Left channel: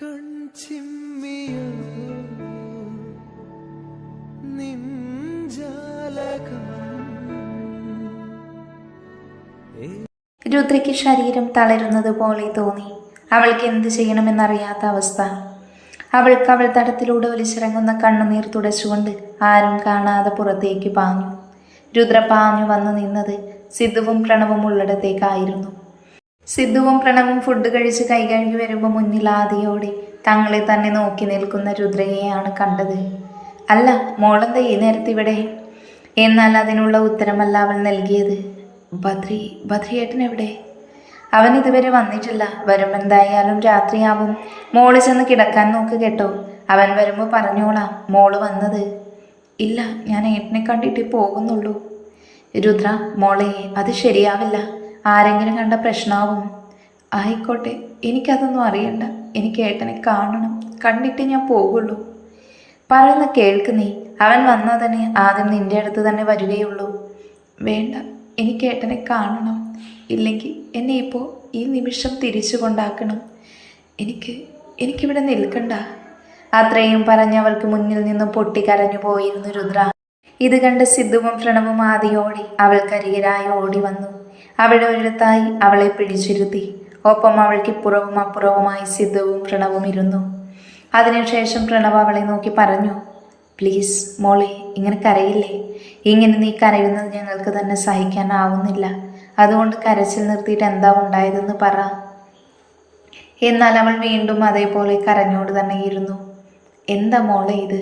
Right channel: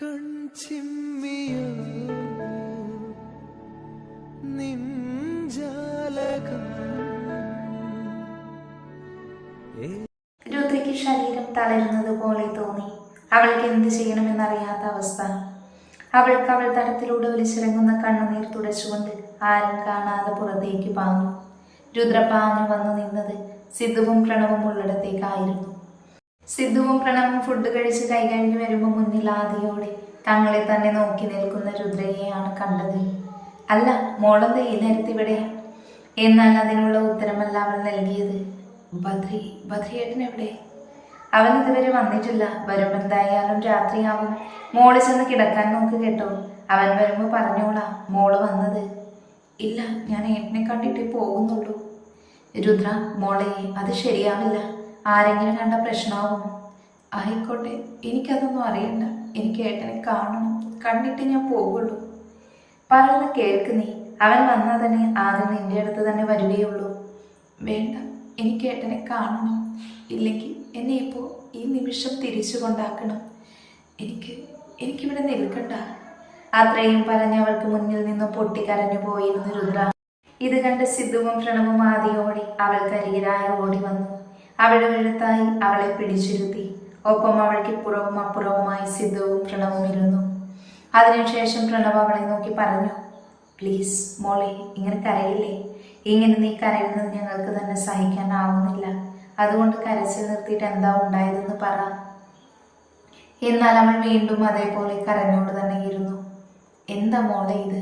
കൺചിമ്മിയോ നിൻജാലകം. രുദ്രയ്ക്ക് ശരീരം തളരുന്നത് പോലെ തോന്നി. അവൾക്ക് എന്ത് ചെയ്യണമെന്നറിയാത്ത അവസ്ഥ. അവൾക്ക് അവൾ തടത്തിലൂടെ ഒലിച്ചിറങ്ങുന്ന കണ്ണുനീർ തുടച്ചുകൊണ്ട് ആരും കാണാതെ പുറത്തേക്ക് പാഞ്ഞു. രുദ്ര പാഞ്ഞു വന്നു നിന്നത് സിദ്ധുവും പ്രണവും ഉള്ളിടത്തേക്കായിരുന്നു. സിദ്ധുവും പ്രണവും ഫുഡ് കഴിച്ച് കൈ കഴുകി വരുമ്പോൾ മുന്നിൽ ആദിയോടെ തങ്ങളെ തന്നെ നോക്കി നിൽക്കുന്ന രുദ്രയെയാണ് കണ്ടത്. അല്ല, മോളെന്താ ഈ നേരത്തിവിടെ? എന്നാൽ അതിനുള്ള ഉത്തരമല്ല അവൾ നൽകിയത്. ബദ്രിയേട്ടൻ എവിടെ? അവൻ ഇതുവരെ വന്നിട്ടില്ല. വരുമ്പോൾ എന്തായാലും രാത്രിയാവും. മോള് ചെന്ന് കിടക്കാൻ നോക്ക് കേട്ടോ. അവൻ വരുമ്പോൾ പറഞ്ഞോളാം മോള് വന്നത്. ഇല്ല, ഞാൻ ഏട്ടനെ കണ്ടിട്ട് പോകുന്നുള്ളൂ. രുദ്ര മോളെ, അത് ശരിയാവില്ല. ആരെങ്കിലും കണ്ട പ്രശ്നമാവും. ആയിക്കോട്ടെ, എനിക്കതൊന്നും അറിയണ്ട. എനിക്ക് ഏട്ടനെ കാണണം. കണ്ടിട്ട് ഞാൻ പോകുള്ളൂ. പറയുന്ന കേൾക്ക് നീ. അവൻ വന്നാൽ തന്നെ ആദ്യം നിന്റെ അടുത്ത് തന്നെ വരികയുള്ളൂ. വേണ്ട, എനിക്ക് ഏട്ടനെ കാണണം. ഇല്ലെങ്കിൽ എന്നെ ഇപ്പോൾ ഈ നിമിഷം തിരിച്ചു കൊണ്ടാക്കണം. എനിക്കിവിടെ നിൽക്കണ്ട. അത്രയും പറഞ്ഞവൾക്ക് മുന്നിൽ നിന്നും പൊട്ടിക്കരഞ്ഞു പോയിരുന്നു രുദ്ര. ഇത് കണ്ട് സിദ്ധുവും പ്രണവും ആദിയോടെ അവൾക്കരികിലായി ഓടി വന്നു. അവളുടെ ഒരിടത്തായി അവളെ പിടിച്ചിരുത്തി. ഒപ്പം അവൾക്ക് ഇപ്പുറവും അപ്പുറവുമായി സിദ്ധുവും പ്രണവും ഇരുന്നു. അതിനുശേഷം പ്രണവ് അവളെ നോക്കി പറഞ്ഞു, പ്ലീസ് മോളെ, ഇങ്ങനെ കരയില്ലേ. ഇങ്ങനെ നീ കരയുന്നത് ഞങ്ങൾക്ക് തന്നെ സഹിക്കാനാവുന്നില്ല. അതുകൊണ്ട് കരച്ചിൽ നിർത്തിയിട്ട് എന്താ ഉണ്ടായതെന്ന് പറ. എന്നാൽ അവൾ വീണ്ടും അതേപോലെ കരഞ്ഞോട് തന്നെ ഇരുന്നു. എന്താ മോളെ ഇത്?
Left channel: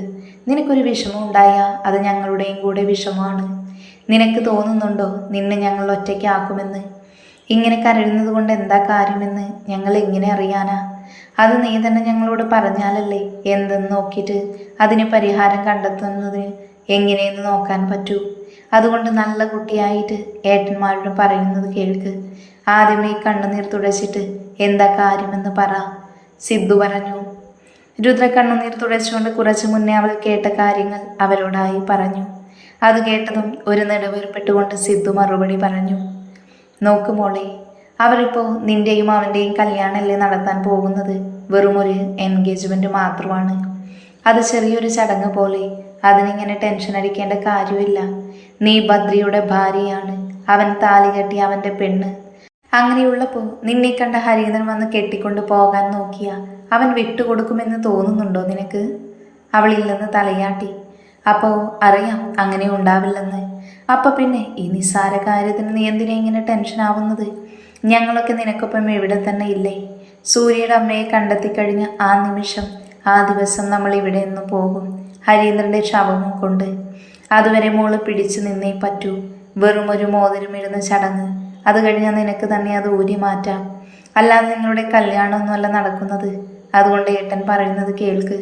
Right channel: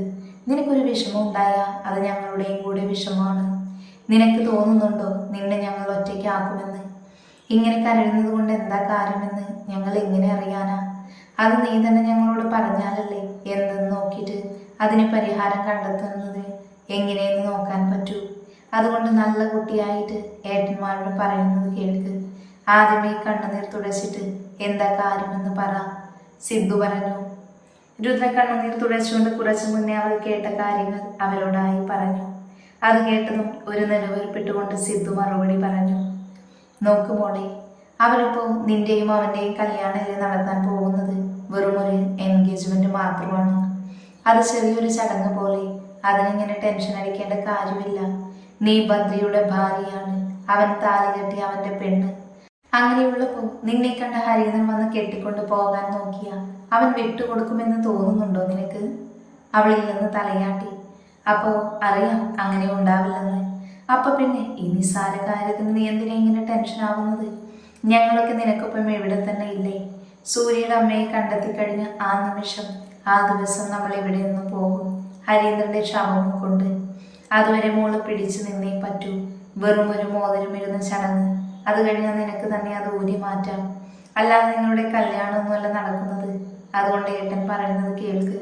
നിനക്കൊരു വിഷമം ഉണ്ടായാൽ അത് ഞങ്ങളുടെയും കൂടെ വിഷമമാണ്. നിനക്ക് തോന്നുന്നുണ്ടോ നിന്നെ ഞങ്ങൾ ഒറ്റയ്ക്കാക്കുമെന്ന്? ഇങ്ങനെ കരയുന്നത് കൊണ്ട് എന്താ കാര്യമെന്ന് ഞങ്ങൾ എങ്ങനെ അറിയാനാ? അത് നീ തന്നെ ഞങ്ങളോട് പറഞ്ഞാലല്ലേ എന്തെന്ന് നോക്കിയിട്ട് അതിന് പരിഹാരം കണ്ടെത്തുന്നത് എങ്ങനെയെന്ന് നോക്കാൻ പറ്റൂ. അതുകൊണ്ട് നല്ല കുട്ടിയായിട്ട് ഏട്ടന്മാരോട് പറയുന്നത് കേൾക്ക്. ആദ്യമേ കണ്ണുനീർ തുടച്ചിട്ട് എന്താ കാര്യമെന്ന് പറ. സിദ്ധു പറഞ്ഞു. രുദ്ര കണ്ണുനീർ തുടച്ചുകൊണ്ട് കുറച്ചു മുന്നേ അവൾ കേട്ട കാര്യങ്ങൾ അവരോടായി പറഞ്ഞു. അത് കേട്ടതും ഒരു നെടുവേർപ്പെട്ടുകൊണ്ട് സിദ്ധു മറുപടി പറഞ്ഞു. നോക്ക് മോളെ, അവരിപ്പോൾ നിന്റെയും അവൻ്റെയും കല്യാണമല്ലേ നടത്താൻ പോകുന്നത്. വെറുമൊരു എൻഗേജ്മെൻറ്റ് മാത്രമാണ്. അത് ചെറിയൊരു ചടങ്ങ് പോലെ. അതിനിങ്ങനെ ടെൻഷൻ അടിക്കേണ്ട കാര്യമില്ല. നീ ബദ്രിയുടെ ഭാര്യയാണ്. അവൻ താലി കെട്ടി അവൻ്റെ പെണ്ണ്. അങ്ങനെയുള്ളപ്പോൾ നിന്നെ കണ്ട ഹരീന്ദ്രൻ വന്ന് കെട്ടിക്കൊണ്ട് പോകാൻ നോക്കിയ അവൻ വിട്ടുകൊടുക്കുമെന്ന് തോന്നുന്നുണ്ടോ നിനക്ക്? അവളില്ലെന്ന് തലയാട്ടി. അപ്പോൾ അറിയാം അങ്ങനെ ഉണ്ടാവില്ലെന്ന്. അപ്പം പിന്നെ ഈ നിസ്സാര കാര്യത്തിന് നീ എന്തിനാ ഇങ്ങനെ ടെൻഷൻ ആവുന്നത്? ഞങ്ങളൊക്കെ നിനക്കൊപ്പം ഇവിടെ തന്നെ ഇല്ലേ? സൂര്യയുടെ അമ്മയെ കണ്ടെത്തിക്കഴിഞ്ഞ ആ നിമിഷം, ആ ദിവസം നമ്മൾ ഇവിടെ നിന്ന് പോകും, ഹരീന്ദ്രൻ്റെ ശവവും കൊണ്ട്. അതുവരെ മോള് പിടിച്ചു നിന്നേ പറ്റൂ. വെറും ഒരു മോതിരമിടുന്ന ചടങ്ങ്. അത് കഴിഞ്ഞാൽ നിനക്ക് തന്നെ അത് ഊരി മാറ്റാം. അല്ലാതെ നിങ്ങളുടെ കല്യാണമൊന്നുമല്ല നടക്കുന്നത്. അതുകൊണ്ട് ഏട്ടൻ പറയുന്നത് കേൾക്ക്.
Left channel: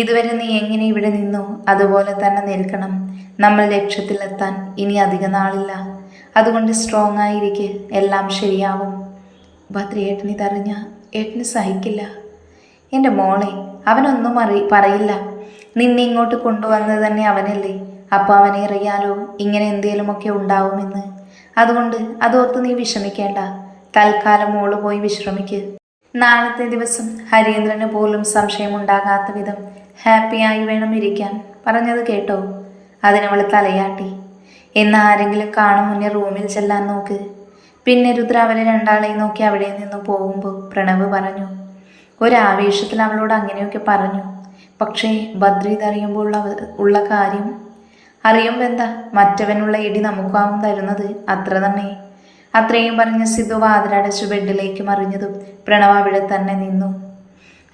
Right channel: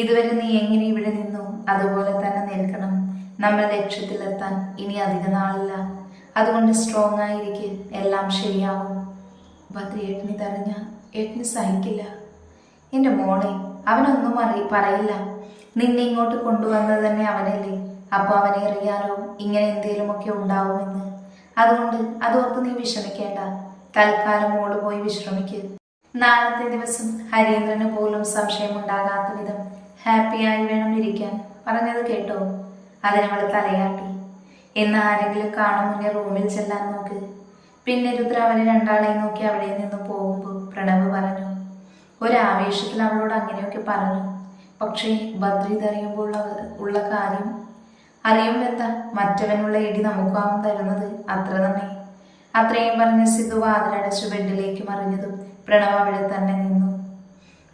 ഇതുവരെ നീ എങ്ങനെ ഇവിടെ നിന്നോ അതുപോലെ തന്നെ നിൽക്കണം. നമ്മൾ ലക്ഷ്യത്തിലെത്താൻ ഇനി അധിക നാളില്ല. അതുകൊണ്ട് സ്ട്രോങ് ആയിരിക്കെ, എല്ലാം ശരിയാവും. ബദ്രി ഏട്ടന് ഇതറിഞ്ഞ ഏട്ടന് സഹിക്കില്ല. എൻ്റെ മോളെ, അവനൊന്നും പറയില്ല. നിന്നെ ഇങ്ങോട്ട് കൊണ്ടുവന്നത് തന്നെ അവനല്ലേ. അപ്പോൾ അവനെ അറിയാലോ ഇങ്ങനെ എന്തേലുമൊക്കെ ഉണ്ടാവുമെന്ന്. അതുകൊണ്ട് അതോർത്ത് നീ വിഷമിക്കേണ്ട. തൽക്കാലം മോള് പോയി വിശ്രമിക്ക്. നാളത്തെ ദിവസം ഹരീന്ദ്രന് പോലും സംശയമുണ്ടാകാത്ത വിധം ഹാപ്പിയായി വേണം ഇരിക്കാൻ. പറഞ്ഞത് കേട്ടോ? അതിനവൾ തലയാട്ടി. എന്ന് ആരെങ്കിലും കാണും മുന്നേ റൂമിൽ ചെല്ലാൻ നോക്ക്. പിന്നെ രുദ്ര അവരെ രണ്ടാളെയും നോക്കി അവിടെ നിന്ന് പോകുമ്പോൾ പ്രണവ് പറഞ്ഞു. ഒരാവേശത്തിൽ അവളോട് അങ്ങനെയൊക്കെ പറഞ്ഞു. പക്ഷേ ബദ്രി ഇതറിയുമ്പോൾ ഉള്ള കാര്യം അറിയുമ്പോൾ എന്താ? മറ്റവനുള്ള ഇടി നമുക്കാവും തരുന്നത്. അത്ര തന്നെ. അത്രയും പറഞ്ഞ സിദ്ധു വാതിലടച്ചു ബെഡിലേക്ക് മറിഞ്ഞതും പ്രണവ് അവിടെ തന്നെ നിന്നു.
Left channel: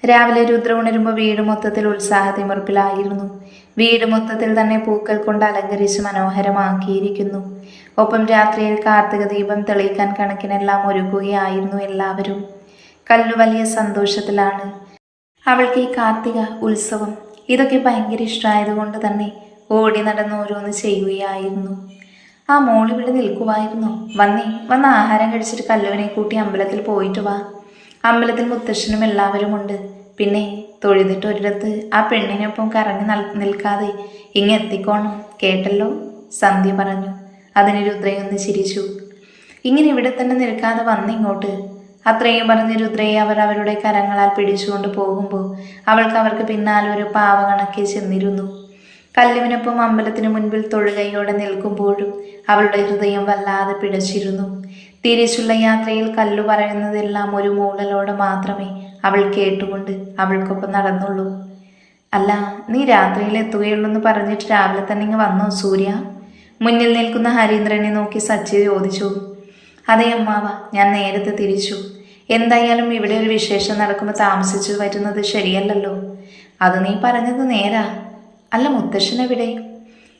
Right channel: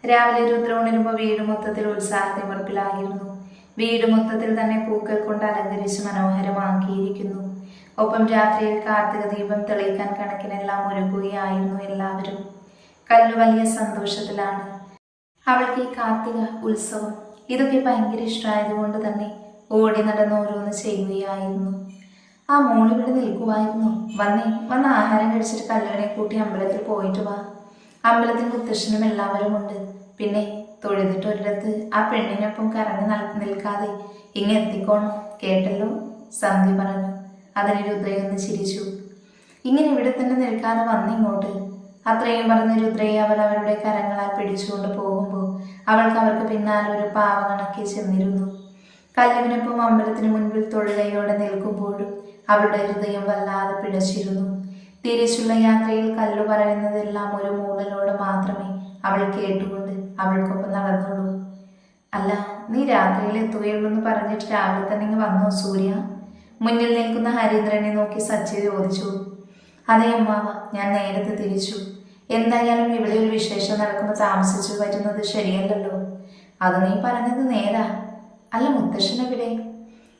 രാവിലെ രുദ്ര ഉണരുമ്പോൾ വീട് മൊത്തത്തിൽ ഉത്സാഹത്തിമർപ്പിലായിരുന്നു. വീട് മൊത്തത്തിൽ തന്നെ പൂക്കൾ കൊണ്ട് അലങ്കരിച്ച് മനോഹരമാക്കിയിരിക്കുന്നു. ഒപ്പം രാത്രിയിൽ കാർത്തിക ദീപം തെളിയിക്കാൻ കണക്കിനെല്ലാം ഒരുക്കുകയായിരുന്നു എല്ലാവരും. കല്ലു വലിയ സന്തോഷത്തിലാണ്. അവൾക്ക് ഈ കാർത്തിക ഉത്സവം ഇതൊക്കെ ഭയങ്കര ഇഷ്ടമായതുകൊണ്ട് തന്നെ ഓടി നടന്ന് ഓരോന്ന് ചെയ്യുകയായിരുന്നു. ആ മോളിവിടെ നിൽക്കുമായിരുന്നു. വന്ന് ആഹാരം കഴിച്ചിട്ട് കല്ലുവിനെ കൂട്ടി അമ്പലത്തിൽ പോയിട്ട് വാ. അമ്പലത്തിൽ മുത്തശ്ശനും എല്ലാവരും ഉണ്ട്. പിന്നെ തൊഴുതിട്ട് ഒരിടത്ത് ആ പെണ്ണിനൊപ്പം കറങ്ങി നിൽക്കാതെ ഇങ്ങെത്തിക്കോണം കേട്ടല്ലോ, സന്ധ്യ പറഞ്ഞു. അതിന് രുദ്രയൊന്ന് ചിരിച്ചു. ഇങ്ങനെ ഇവിടെ തന്നെ നിൽക്കാതെ വന്നിങ്ങോട്ട്. അത്രയും പറഞ്ഞ് രുദ്രയെ അവർ അവരുടെ കരങ്ങളാൽ പിടിച്ചുകൊണ്ട് പോകുമ്പോൾ അവർക്ക് പിന്നാലെ ഒരു പാവ കണക്കെ ചെന്നിരുന്നു. കല്ലുവിനൊപ്പം അമ്പലത്തിന് മുൻപിൽ തൊഴുകയോടെ നിൽക്കുമ്പോഴും അവളുടെ ഹൃദയം വല്ലാതെ പിടച്ചിരുന്നു. തിരിച്ചുള്ള യാത്രയിൽ കല്ലു പറയുന്നതെല്ലാം ഒരു മൂളലോടെ മാത്രമേ അവൾ കേട്ടുകൊണ്ട് അവൾക്കൊപ്പം നടന്നുള്ളൂ. അല്ല, നീ രാത്രിയിൽ എത്തുകയുള്ളൂന്ന് പറഞ്ഞിട്ട് രാവിലെ തന്നെ ഇങ്ങ് വന്നോ സൂര്യ? മുന്നിൽ നിൽക്കുന്ന ഹരീന്ദ്രനെ നോക്കി സച്ചി ചോദിച്ചു. അതെ അമ്മാവ, ഞാൻ നേരത്തെ തിരിച്ചു. എന്തായാലും ഇവിടെ ഒരു വിശേഷം നടക്കുമ്പോൾ താമസിച്ചു വരുന്നത് ശരിയല്ലല്ലോ. അത് നീ പറഞ്ഞത് നേരാ. അല്ല, മുത്തശ്ശനെവിടെ?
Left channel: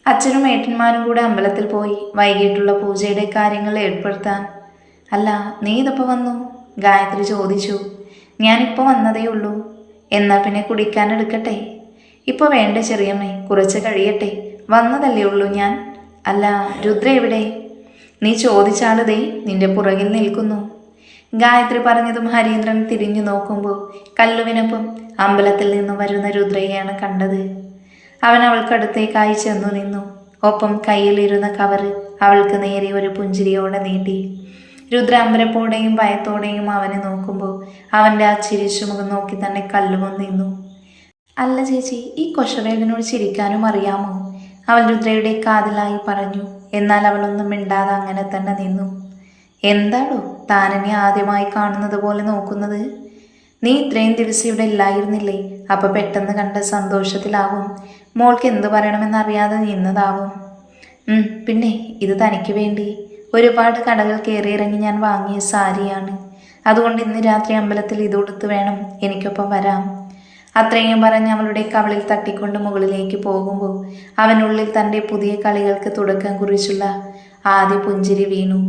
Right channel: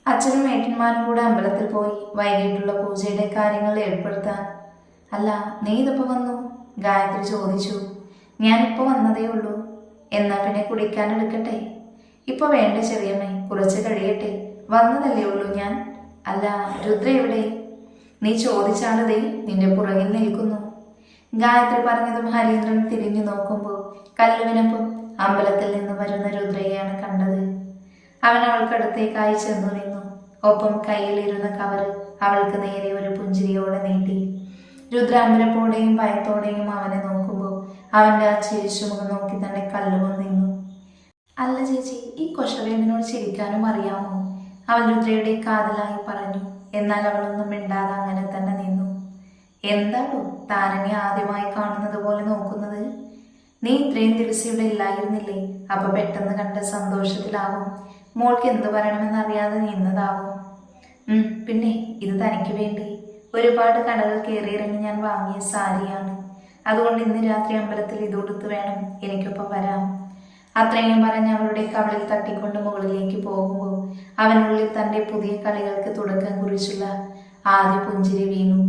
അച്ഛനും ഏട്ടന്മാരും കൂടെ അമ്പലത്തിൽ പോയി വൈകിട്ടുള്ള പൂജയുടെ കാര്യങ്ങൾ ഏർപ്പെടുത്താൻ. അല്ല, നീ ഇതിപ്പോൾ വന്നു? ഗായത്രി ചോദിച്ചു. ഞാനിപ്പോൾ വന്നതേ ഉള്ളൂ. എന്നാൽ പിന്നെ കുടിക്കാൻ എടുക്കട്ടെ? ഇപ്പോൾ വേണ്ട ചെറിയമ്മേ, കുറച്ച് കഴിയട്ടെ. വന്നതല്ലേ ഉള്ളൂ ഞാൻ. അല്ല, രുദ്ര എവിടെ? നീ ചോദിച്ചാലതേ നിന്റെ പുറകിൽ നിൽക്കുന്നു. ഗായത്രി പറഞ്ഞതും ഹരീന്ദ്രൻ തിരിഞ്ഞു നോക്കുമ്പോൾ കല്ലുവിനൊപ്പം അമ്പലത്തിൽ നിന്ന് വരുന്ന രുദ്രയെയാണ് കണ്ടത്. അവൻ അവൾക്കടുത്തേക്കായി ചെന്നു നിന്നു. ഒപ്പം കയ്യിലിരുന്ന കവറ് അവൾക്ക് നേരെ ഒരു പുഞ്ചിരിയോടെ നീട്ടി. രുദ്ര അമ്പരപ്പോടെയും ഭയത്തോടെയും അവനെ നോക്കുമ്പോൾ അവൻ്റെ ആ ചിരിച്ചു മുഖം നോക്കി തന്നെ കല്ലുവും നിന്നു. അല്ല ചേച്ചി, ഈ കൊശവേടനോട് ചിരിക്കാനും അറിയാമോ? അവൾ രുദ്രയുടെ കാതിലായി പറഞ്ഞു. എന്നാൽ അവളൊന്നും മിണ്ടാതെ അങ്ങനെ തന്നെ നിന്നു. എന്താടോ താനെന്നെ ആദ്യമായി കാണുന്നത് പോലെ നോക്കുന്നത്? നീ ഇത്രയും ദിവസം ഇവിടെ ഇല്ലായിരുന്നില്ലേ? അപ്പൊ പെട്ടെന്ന് കണ്ട സന്തോഷത്തിലാവും. മോൾക്ക് എന്തു പറയണമെന്നറിയാതെ നിന്നതാവും. പിന്നെ ഇത് തനിക്ക് വേണ്ടി ഒരുപാട് കടകൾ കയറിയിറങ്ങി ഞാൻ വാങ്ങിയ സാരിയാണ്. അതുകൊണ്ട് ഇന്ന് രാത്രി അമ്പലത്തിൽ ഇതുടുത്ത് വേണം എനിക്കൊപ്പം വരാം. അത്രയും പറഞ്ഞ് അവളുടെ കവളിൽ തട്ടിക്കൊണ്ട് മുകളിലേക്ക് പോകുമ്പോൾ അവനുള്ളിൽ തൻ്റെ പുതിയ കളികൾക്ക് തുടക്കം കുറിച്ചുള്ള ആദ്യ പുഞ്ചിരി വീണു.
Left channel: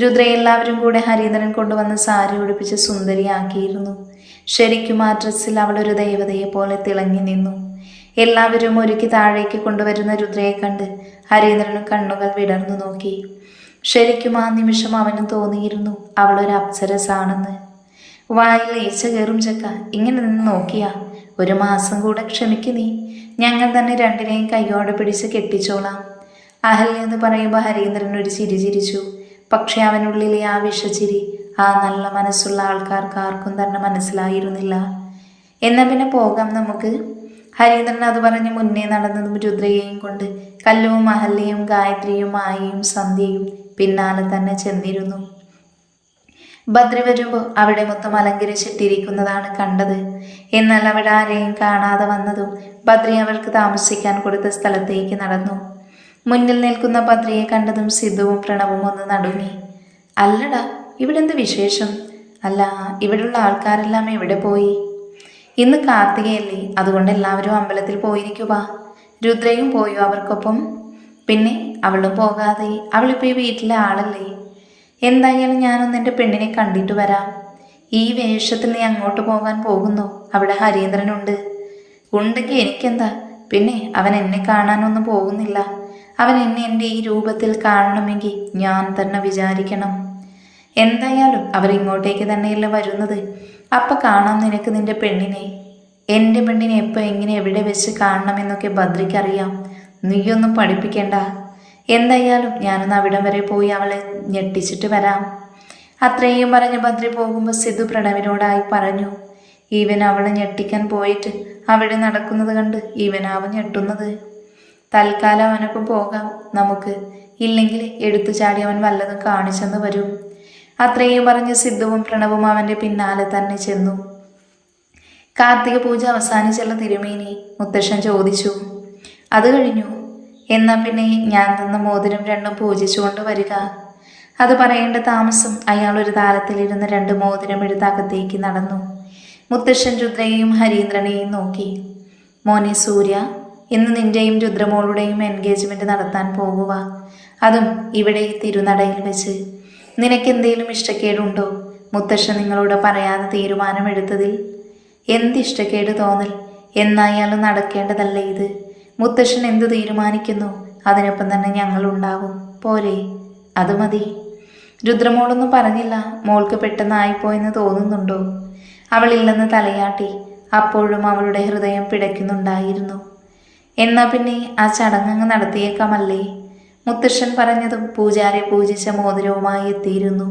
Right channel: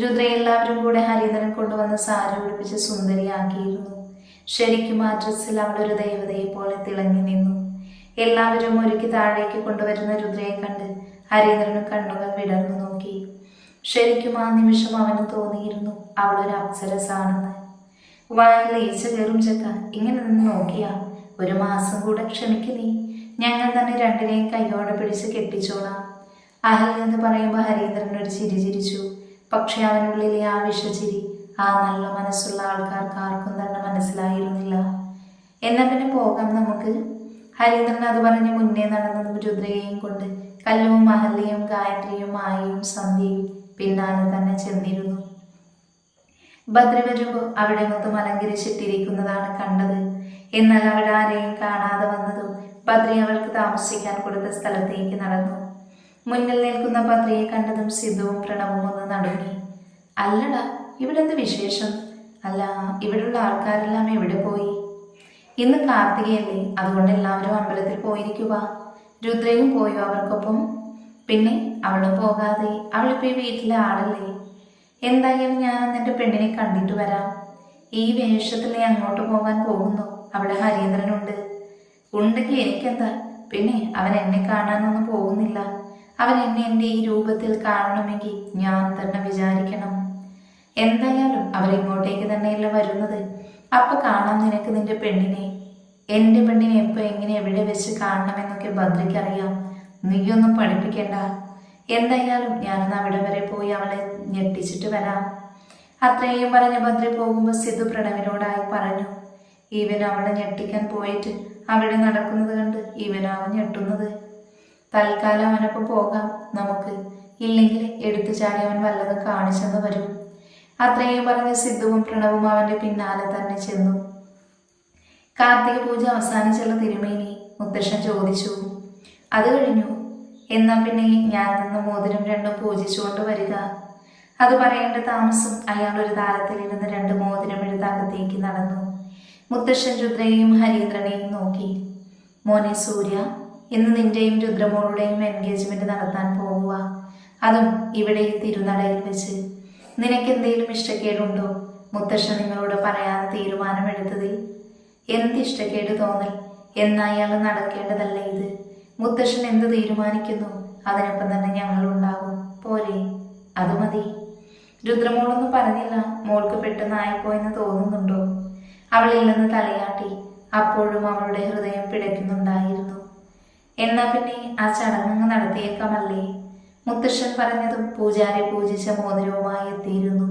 രുദ്ര എല്ലാവരും കൂടെ ഹരീന്ദ്രൻ കൊണ്ടുവന്ന് സാരി ഉടുപ്പിച്ച് സുന്ദരിയാക്കിയിരുന്നു. ശരിക്കും ആ ഡ്രസ്സിൽ അവളൊരു ദേവതയെ പോലെ തിളങ്ങി നിന്നു. എല്ലാവരും ഒരുക്കി താഴേക്ക് കൊണ്ടുവരുന്ന രുദ്രയെ കണ്ട് ഹരീന്ദ്രന് കണ്ണുകൾ വിടർന്നു നോക്കി. ശരിക്കും ആ നിമിഷം അവന് തോന്നിയിരുന്നു അവളൊരു അപ്സരസാണെന്ന്. വായിൽ ഈച്ച കയറും ചക്ക, ഇങ്ങനെ നിന്ന് നോക്കിയാ. ഒരു മാസം കൂടെ ക്ഷമിക്ക് നീ. ഞങ്ങൾ തന്നെ രണ്ടിനെയും കൈയോടെ പിടിച്ച് കെട്ടിച്ചോളാം. അഹല്യ എന്ന് പറയുമ്പോൾ ഹരീന്ദ്രൻ ഒരു ചിരി ചിരിച്ചു. പക്ഷെ അവനുള്ളിലെ ആ വിഷച്ചിരി ആ നല്ല മനസ്സുള്ള ആൾക്കാർക്ക് ആർക്കും തന്നെ മനസ്സിലായിരുന്നില്ല. എന്നാൽ പിന്നെ പോകാം നമുക്ക്. ഹരീന്ദ്രൻ അത് പറഞ്ഞ് മുന്നേ നടന്നതും രുദ്രയെയും കൊണ്ട് കല്ലുവും അഹല്യയും ഗായത്രിയും മായയും സന്ധ്യയും പിന്നാലെ തന്നെ ചെന്നിരുന്നു. ബദ്രി വരുമ്പോൾ അവിടെ മൊത്തം അലങ്കരിച്ചിട്ടിരിക്കുന്നതാണ് കണ്ടത്. എന്നാൽ അവിടെ ആരെയും കാണാതെ വന്നതും ബദ്രി അവർക്ക് താമസിക്കാൻ കൊടുത്ത സ്ഥലത്തേക്ക് നടന്നു. മുന്നിൽ നിൽക്കുന്ന ബദ്രിയെ കണ്ടതും സിദ്ധുവും പ്രണവും ഒന്ന് നടുങ്ങി. അല്ലടാ, ഇവിടെ എന്ത് വിശേഷം? അല്ല, ഇവിടെയുള്ള ആൾക്കാരെല്ലാം എവിടെ പോയി? ഇന്ന് കാർത്തികയല്ലേ, അതുകൊണ്ട് എല്ലാവരും അമ്പലത്തിൽ പോയിരിക്കുക. രുദ്രയും പോയോ അവർക്കൊപ്പം? പിന്നെ അവളും പോകാതെ? അവളിപ്പോൾ ഈ വീട്ടിലെ ആളല്ലേ. എന്തായാലും ഞാനൊന്ന് എൻ്റെ പെണ്ണിനെ കണ്ടിട്ട് വരാം. ഈ വേഷത്തിൽ നീ അങ്ങോട്ട് പോകാൻ പോകുന്നു? അവിടെ ഹരീന്ദ്രനുണ്ട്. ഉണ്ടെങ്കിൽ എനിക്കെന്താ? പിന്നെ അവൻ എന്നെ കാണാനൊന്നും പോകുന്നില്ല. അവൻ എന്നെ എൻ്റെ ഈ രൂപത്തിൽ കാണണമെങ്കിൽ ഞാൻ തന്നെ വിചാരിക്കണം. എന്തായാലും അവരിങ്ങോട്ടേക്ക് തന്നെയല്ല വരുന്നത്. അപ്പം കാണാം നിനക്ക് നിൻ്റെ പെണ്ണിനെ. എൻ്റെ പെണ്ണിനെ എപ്പോൾ എങ്ങനെ എവിടെ വെച്ച് കാണണമെന്നൊക്കെ ബദ്രിക്കറിയാം. നീയൊന്നും പഠിപ്പിക്കേണ്ട. എന്തായാലും ഞാനൊന്ന് അവിടം വരെ പോയി അവളെ ഞെട്ടിച്ചിട്ട് വരാം. അത്രയും പറഞ്ഞ് ബദ്രി പോകുമ്പോൾ സിദ്ധു പ്രണവിനോടായി പറഞ്ഞു. ഇവൻ അവളെ ഞെട്ടിക്കാൻ പോയിട്ട് അവിടെ നടക്കുന്നത് കണ്ട് ഇവനാവും ഞെട്ടുന്നത്. തൽക്കാലം അവനൊപ്പം പോകാം നമുക്ക്. ഇല്ലെങ്കിൽ എടുത്തു ചാടി അവൻ വല്ലതും കാണിച്ചെന്ന് വരും. അത്രയും പറഞ്ഞ് സിദ്ധുവും പ്രണവും അവൻ്റെ പിന്നാലെ തന്നെ ചെന്നു. കാർത്തിക പൂജ അവസാനിച്ചുള്ള തിരുമേനി, മുത്തശ്ശൻ ചോദിച്ചു. അത് കഴിഞ്ഞു. എന്നാൽ പിന്നെ ഞാൻ തന്ന മോതിരം രണ്ടും പൂജിച്ചുകൊണ്ട് വരിക. അത് പറയേണ്ട താമസം അയാൾ ഒരു താരത്തിലിരുന്ന് 2 മോതിരം എടുത്ത് അകത്തേക്ക് നടന്നു. മുത്തശ്ശൻ രുദ്രയെയും ഹരീന്ദ്രനെയും നോക്കി. മോനെ സൂര്യ, ഇന്ന് നിന്റെയും രുദ്രമോളുടെയും എൻഗേജ്മെന്റ് നടത്താൻ പോകുക. അതും ഇവിടെ തിരുനടയിൽ വെച്ച്. നിനക്കെന്തെങ്കിലും ഇഷ്ടക്കേടുണ്ടോ? മുത്തശ്ശൻ നിങ്ങളോട് പറയാതെ തീരുമാനമെടുത്തതിൽ എന്ത് ഇഷ്ടക്കേട് തോന്നൽ? എന്നായാലും നടക്കേണ്ടതല്ലേ ഇത്. മുത്തശ്ശൻ എന്തു തീരുമാനിക്കുന്നു അതിനൊപ്പം തന്നെ ഞങ്ങളുണ്ടാകും. പോരെ? അത് മതി. രുദ്രമോളൊന്നും പറഞ്ഞില്ല. മോൾക്ക് പെട്ടെന്നായിപ്പോയെന്ന് തോന്നുന്നുണ്ടോ? അവളില്ലെന്ന് തലയാട്ടി. അപ്പോഴും അവളുടെ ഹൃദയം പിടയ്ക്കുന്നുണ്ടായിരുന്നു. എന്നാൽ പിന്നെ ആ ചടങ്ങ് നടത്തിയേക്കാമല്ലേ? മുത്തശ്ശൻ പറഞ്ഞതും പൂജാരെ പൂജിച്ച മോതിരവുമായി എത്തിയിരുന്നു.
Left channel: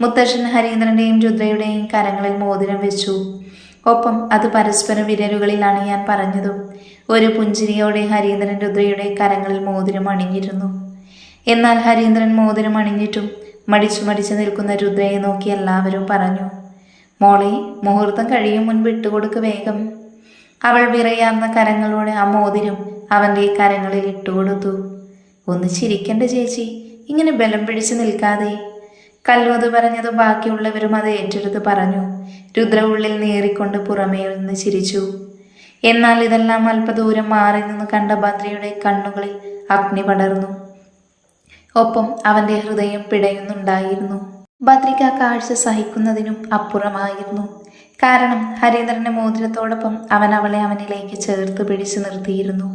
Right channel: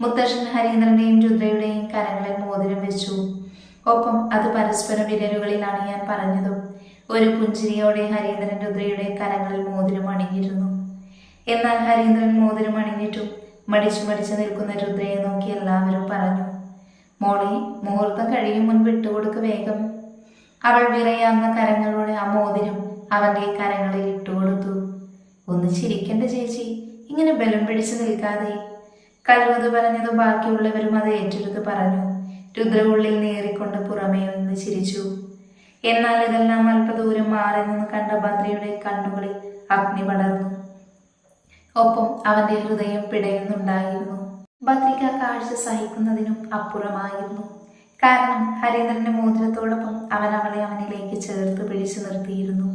മുത്തശ്ശൻ ഹരീന്ദ്രന്റെയും രുദ്രയുടെയും കരങ്ങളിൽ മോതിരം വെച്ചു. ഒപ്പം അത് പരസ്പര വിരലുകളിലാണ് ഞാൻ പറഞ്ഞതും. ഒരു പുഞ്ചിരിയോടെ ഹരീന്ദ്രൻ രുദ്രയുടെ കരങ്ങളിൽ മോതിരം അണിഞ്ഞിരുന്നു. എന്നാൽ ഹരീന്ദ്രൻ മോതിരം അണിഞ്ഞിട്ടും മടിച്ചു നിൽക്കുന്ന രുദ്രയെ നോക്കി എല്ലാവരും പറഞ്ഞു, മോളെ, മുഹൂർത്തം കഴിയും മുൻപ് ഇട്ടുകൊടുക്ക് വേഗം. അവൾ വിറയാർന്ന കരങ്ങളോടെ ആ മോതിരം അവൻ്റെ കരങ്ങളിൽ ഇട്ടുകൊടുത്തു. ഒന്ന് ചിരിക്കണ്ട ചേച്ചി, ഇങ്ങനെ ബലം പിടിച്ച് നിൽക്കാതെ. കല്ലൂത് പറഞ്ഞതും ബാക്കിയുള്ളവരും അത് ഏറ്റെടുത്ത് പറഞ്ഞു. രുദ്ര ഉള്ളിൽ നേറിക്കൊണ്ട് പുറമേ നിന്ന് ചിരിച്ചു. എന്നാൽ ഇതെല്ലാം അല്പദൂരം മാറി നിന്ന് കണ്ട ഭദ്രയുടെ കണ്ണുകളിൽ അഗ്നി പടർന്നു. ഒപ്പം അവൻ്റെ ഹൃദയം പിടയുന്നുണ്ടായിരുന്നു. ഭദ്രയ്ക്ക് ആ കാഴ്ച സഹിക്കുന്നതിനും അപ്പുറമായിരുന്നു. കാരണം ഹരീന്ദ്രന്റെ മോതിരത്തോടൊപ്പം അവൻ അവളെ അവനിലേക്ക് ചേർത്ത് പിടിച്ചു നിർത്തിയിരുന്നു.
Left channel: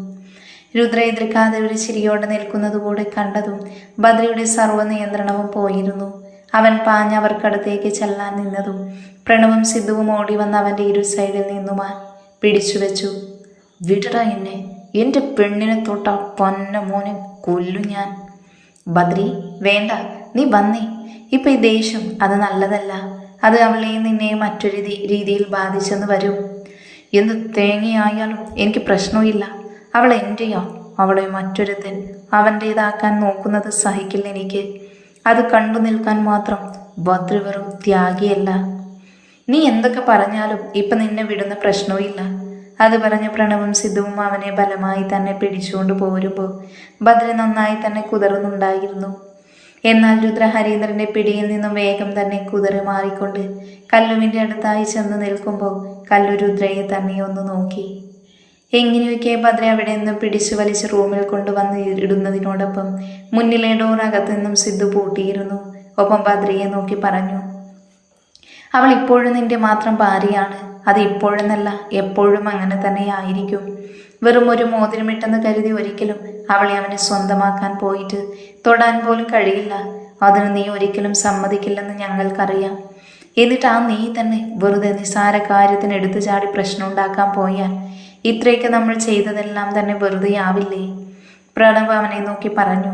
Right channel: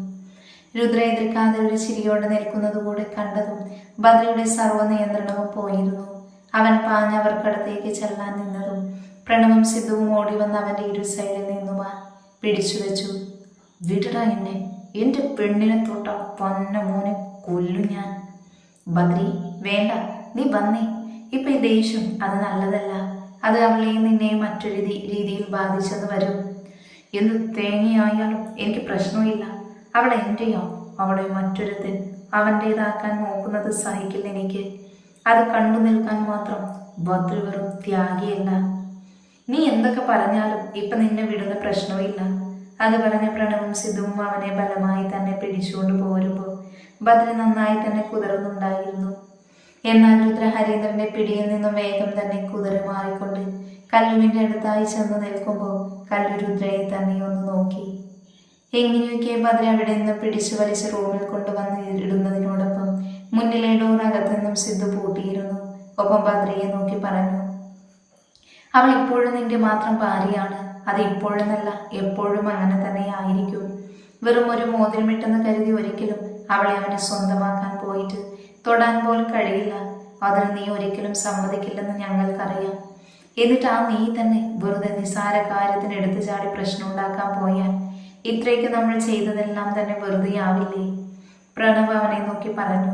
രുദ്ര എതിർക്കാതെ ഒരു ചിരിയോടെ നിൽക്കുന്നതുകൂടെ കണ്ടതും ഭദ്രയുടെ സർവ്വനിയന്ത്രണവും പോയിരുന്നു. അവൻ പാഞ്ഞവർക്കടുത്തേക്ക് ചെല്ലാൻ നിന്നതും പ്രണവും സിദ്ധുവും ഓടി വന്ന് അവൻ്റെ ഇരു സൈഡിൽ നിന്നുമാൻ പിടിച്ചു വെച്ചു. വിടട എന്നെ, എൻ്റെ പെണ്ണിനെ തൊട്ട പൊന്ന മോനെ കൊല്ലു ഞാൻ. ബദ്രി, വേണ്ട, നീ വന്നേ. ഇപ്പം ഈ ദേഷ്യം അത് നല്ലതല്ല. അത് അവളെയും നിന്നെയും മറ്റൊരു രീതിയിൽ ബാധിച്ചെന്ന് വരും. എന്ത് തേങ്ങയായാലും എനിക്ക് പ്രശ്നമില്ല. അവൾ എൻ്റെയോ? അവളെ മറ്റൊരുത്തൻ അവൻ്റേതാക്കാൻ നോക്കുന്നത് സഹിക്കില്ല എനിക്ക്. അത് കണ്ടു നിൽക്കാൻ മാത്രം ഭദ്ര വെറും ത്യാഗിയല്ല. നീ എന്തൊക്കെ പറഞ്ഞാലും ഇപ്പം നിന്നെ വിടുന്ന പ്രശ്നവുമില്ല. അത് പറഞ്ഞ പ്രണവും സിദ്ധുവും അവനെ ബലമായി തന്നെ പിടിച്ചുകൊണ്ട് പോരുമ്പോൾ ഭദ്ര നന്നായി തന്നെ കുതറുന്നുണ്ടായിരുന്നു. എന്നാൽ രുദ്ര ഹരീന്ദ്രന്റെ പിടിയിൽ നിന്നും വേഗം തന്നെ കുതറി മാറിക്കൊണ്ട് കല്ലുവിൻ്റെ അടുത്തായി ചെന്ന് നിൽക്കുമ്പോൾ കല്ലു രുദ്രയെ തന്നെ ഒന്ന് നോക്കി. എങ്ങനെയൊക്കെ ഭദ്ര അവിടെ നിന്ന് പിടിച്ചു വലിച്ച് റൂമിൽ കൊണ്ടുവന്ന് ഇടുന്നതിനോടൊപ്പം മുന്നിലെ ഡോർ അകത്തു നിന്നും സിദ്ധു പൂട്ടിയിരുന്നു. ഒപ്പം ഭദ്രയെ നോക്കി പറഞ്ഞു, അവൾ ഇപ്പോഴും നിന്റെ മാത്രം ഭാര്യയാണ്. അത് ഇപ്പോഴെന്നല്ല, എപ്പോഴും അങ്ങനെ തന്നെ ആയിരിക്കും. വെറും ഒരു മോതിരമിട്ടെന്ന് കരുതി ഒരിക്കലും അവളെ അവനെ സ്വന്തമാക്കാൻ പോയിട്ട് തൊടാൻ പോലും കഴിയില്ല. അതിന് നീ ഒരിക്കലും സമ്മതിക്കില്ലെന്ന് ഞങ്ങൾക്കറിയാം. എന്നിട്ട് ആ നീ തന്നെ വെറുതെ നിസാര കാര്യത്തിന് എടുത്തു ചാടി പ്രശ്നം ഉണ്ടാക്കാൻ പോയാൽ ഇത്രയൊക്കെ നമ്മൾ ചെയ്തതെല്ലാം തന്നെ വെറുതെ ആവില്ലേ? പ്രണവ് അവനെ നോക്കി പറഞ്ഞു.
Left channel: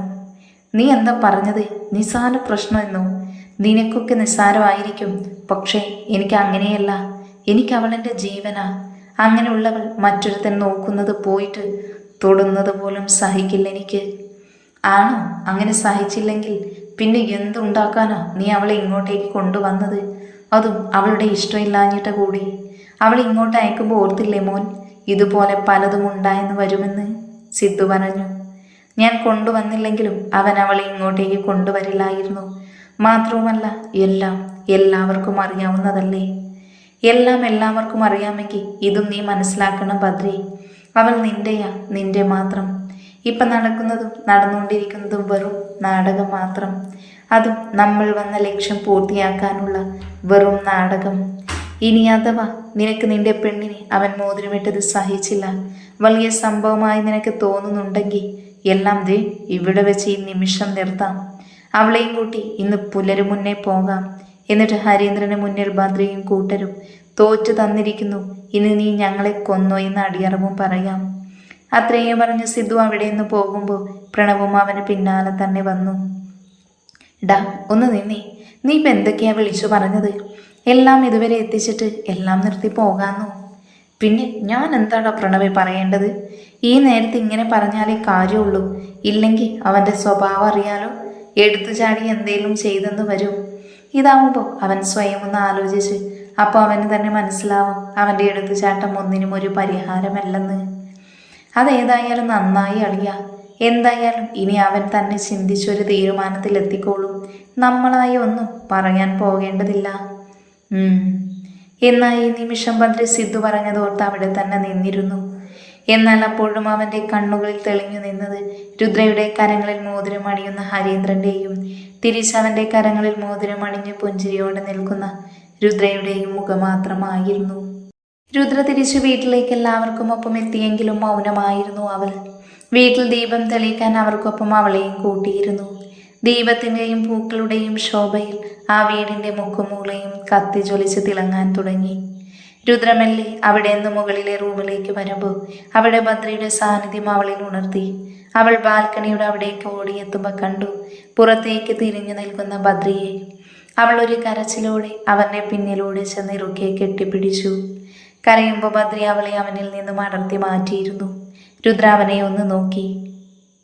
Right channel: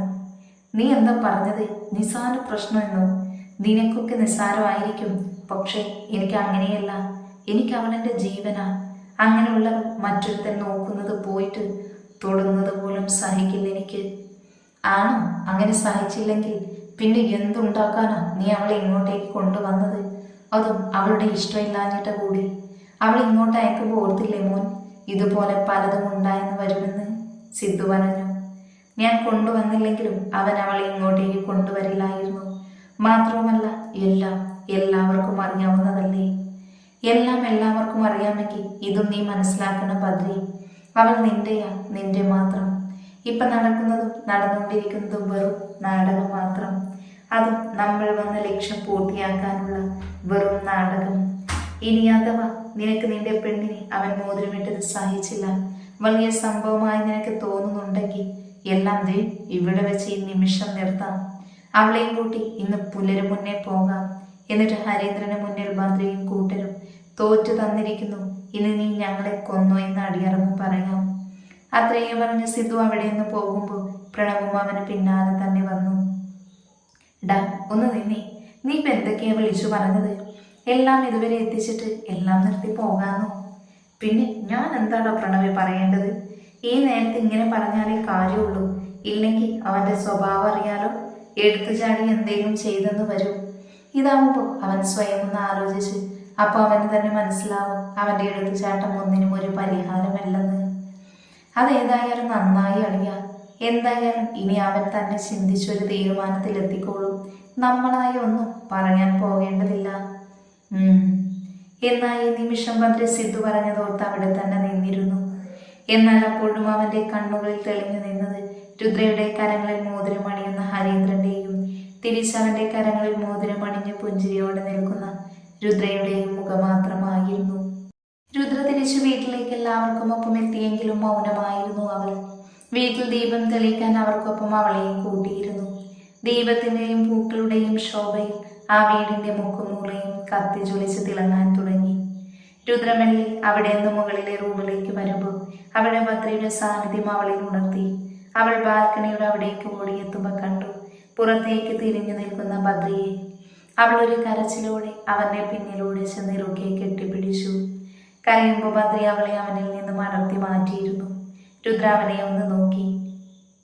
നീ എന്താ പറഞ്ഞത്? നിസാര പ്രശ്നമെന്നോ? നിനക്കൊക്കെ നിസ്സാരമായിരിക്കും, പക്ഷേ എനിക്ക് അങ്ങനെയല്ല. എനിക്ക് അവളെൻ്റെ ജീവനാ. അങ്ങനെയുള്ളവൾ മറ്റൊരുത്തൻ നോക്കുന്നത് പോയിട്ട് തൊടുന്നത് പോലും സഹിക്കില്ല എനിക്ക്. ആണോ? അങ്ങനെ സഹിച്ചില്ലെങ്കിൽ പിന്നെ എന്തുണ്ടാക്കാനാ നീ അവളെ ഇങ്ങോട്ടേക്ക് കൊണ്ടുവന്നത്? അതും അവളുടെ ഇഷ്ടമില്ലാഞ്ഞിട്ട് കൂടി. അവൾ ഇങ്ങോട്ട് അയക്കുമ്പോൾ ഓർത്തില്ലേ മോൻ, ഇതുപോലെ പലതും ഉണ്ടായെന്ന് വരുമെന്ന്? സിദ്ധു പറഞ്ഞു. ഞാൻ കൊണ്ടുവന്നില്ലെങ്കിലും അവൻ അവളെ ഇങ്ങോട്ടേക്ക് കൊണ്ടുവരില്ലായിരുന്നു. മാത്രവുമല്ല, എല്ലാവർക്കും അറിയാവുന്നതല്ലേ? എല്ലാവർക്കും അറിയാമെങ്കിൽ ഇതും നീ മനസ്സിലാക്കണം ഭദ്രേ. അവൾ നിന്റെയാ, നിന്റെ മാത്രം. ഇപ്പം നടക്കുന്നതും നടന്നുകൊണ്ടിരിക്കുന്നതും വെറും നാടകം മാത്രം. അതും നമ്മൾ വന്ന ലക്ഷ്യം പൂർത്തിയാക്കാനുള്ള വെറും നാടകം. ഇനി അഥവാ നിനക്ക് നിന്റെ പെണ്ണിനെ അവൻ മോതിരമിട്ടത് സഹിച്ചില്ല, വലിയ സംഭവമായി നിനക്ക് തോന്നുന്നുണ്ടെങ്കിൽ എല്ലാം ദേ ഇവിടെ വെച്ച് ഈ നിമിഷം നിർത്താം. അവളെയും കൂട്ടി ഇന്ന് പുലരു മുന്നേ പോകാം. എന്നിട്ട് ഹരീന്ദ്രന് മുന്നിൽ ഭദ്രയും കൂട്ടരും തോറ്റു തന്നിരിക്കുന്നു, ഇനി നീ ഞങ്ങളെ കൊന്നോ എന്ന് അടിയറവും പറയാം. അത്രയും പറഞ്ഞ് സിദ്ധു അവിടെ നിന്ന് പോകുമ്പോൾ പ്രണവും അവന് പിന്നാലെ തന്നെ വന്നു. ഡാ, ഒന്ന് നിന്നേ. നീ ഇപ്പം എന്തൊക്കെയാ വിളിച്ചു പറഞ്ഞത്? എല്ലാം ഇതുവരെ എത്തിച്ചിട്ട് എല്ലാം നിർത്തി പോകാമെന്നോ? പിന്നെ ഞാൻ എന്താടാ പ്രണവെ പറയേണ്ടത്? ഈ നേരത്തെ ഇങ്ങനെ പറഞ്ഞാലേ കാര്യമുള്ളൂ. ഇല്ലെങ്കിൽ അവൻ്റെ സ്വഭാവം അറിയാലോ, എടുത്തു ചാടി എന്തേലും ചെയ്തെന്ന് വരും. ഇതാവുമ്പോൾ അവൻ സ്വയം ഒന്ന് ആലോചിച്ച് അപ്പോൾ അവന് തന്നെ മനസ്സിലാവും അവൻ്റെ എടുത്തുചാട്ടം ഒന്നിനും ഒരു പരിഹാരമല്ലെന്ന്. അതേതായാലും നന്നായി അളിയ. എന്തായാലും ഇനി അവൻ തന്നെ ചിന്തിച്ചൊരു തീരുമാനത്തിലെത്തിക്കോളും. നമ്മളായി ഒന്നും പറയാൻ പോകേണ്ടതില്ല. എന്നാൽ ഈ നിമിഷം ഭദ്ര സിദ്ധു പറഞ്ഞതോർത്ത് അവിടെ തന്നെ നിന്നിരുന്നു. എന്നാൽ അപ്പോഴും അവൻ്റെ കണ്ണുകളിൽ തെളിഞ്ഞു നിന്നത് രുദ്രയുടെ കരങ്ങളിൽ മോതിരം അണിയുന്ന ഹരീന്ദ്രൻ്റെയും തിരിച്ചവൻ്റെ കരങ്ങളിൽ മോതിരം അണിഞ്ഞ് പുഞ്ചിരിയോടെ നിൽക്കുന്ന രുദ്രയുടെയും മുഖമാത്രമായിരുന്നു. രുദ്ര തിരിച്ചു വീട്ടിലേക്ക് എല്ലാവർക്കും ഒപ്പം എത്തിയെങ്കിലും മൗനമായിരുന്നു അവൾ. വീട്ടിൽ ദീപം തെളിയിക്കാൻ അവർക്കൊപ്പം അവളെയും കൂട്ടിയിരുന്നു. ദീപത്തിൻ്റെയും പൂക്കളുടെയും ശോഭയിൽ ആ വീടിൻ്റെ മുക്കുമൂളയും കത്തിജ്വലിച്ച് തിളങ്ങാൻ തുടങ്ങി. രുദ്രമെല്ലെ അവിടെ നിന്ന് മുകളിലെ റൂമിലേക്ക് വരുമ്പോൾ അവിടെ ഭദ്രയുടെ സാന്നിധ്യം അവളിൽ ഉണർത്തി. അവൾ ബാൽക്കണിയുടെ അവിടേക്ക് ഓടിയെത്തുമ്പോൾ കണ്ടു പുറത്തേക്ക് തിരിഞ്ഞു നിൽക്കുന്ന ഭദ്രയെ. അവൾ ഒരു കരച്ചിലോടെ അവൻ്റെ പിന്നിലൂടെ ചെന്ന് ഇറുക്കെ കെട്ടിപ്പിടിച്ചു. കരയുമ്പോൾ ബദ്രി അവളെ അവനിൽ നിന്നും അടർത്തി മാറ്റിയിരുന്നു. രുദ്ര അവനെ ഒന്ന് നോക്കി.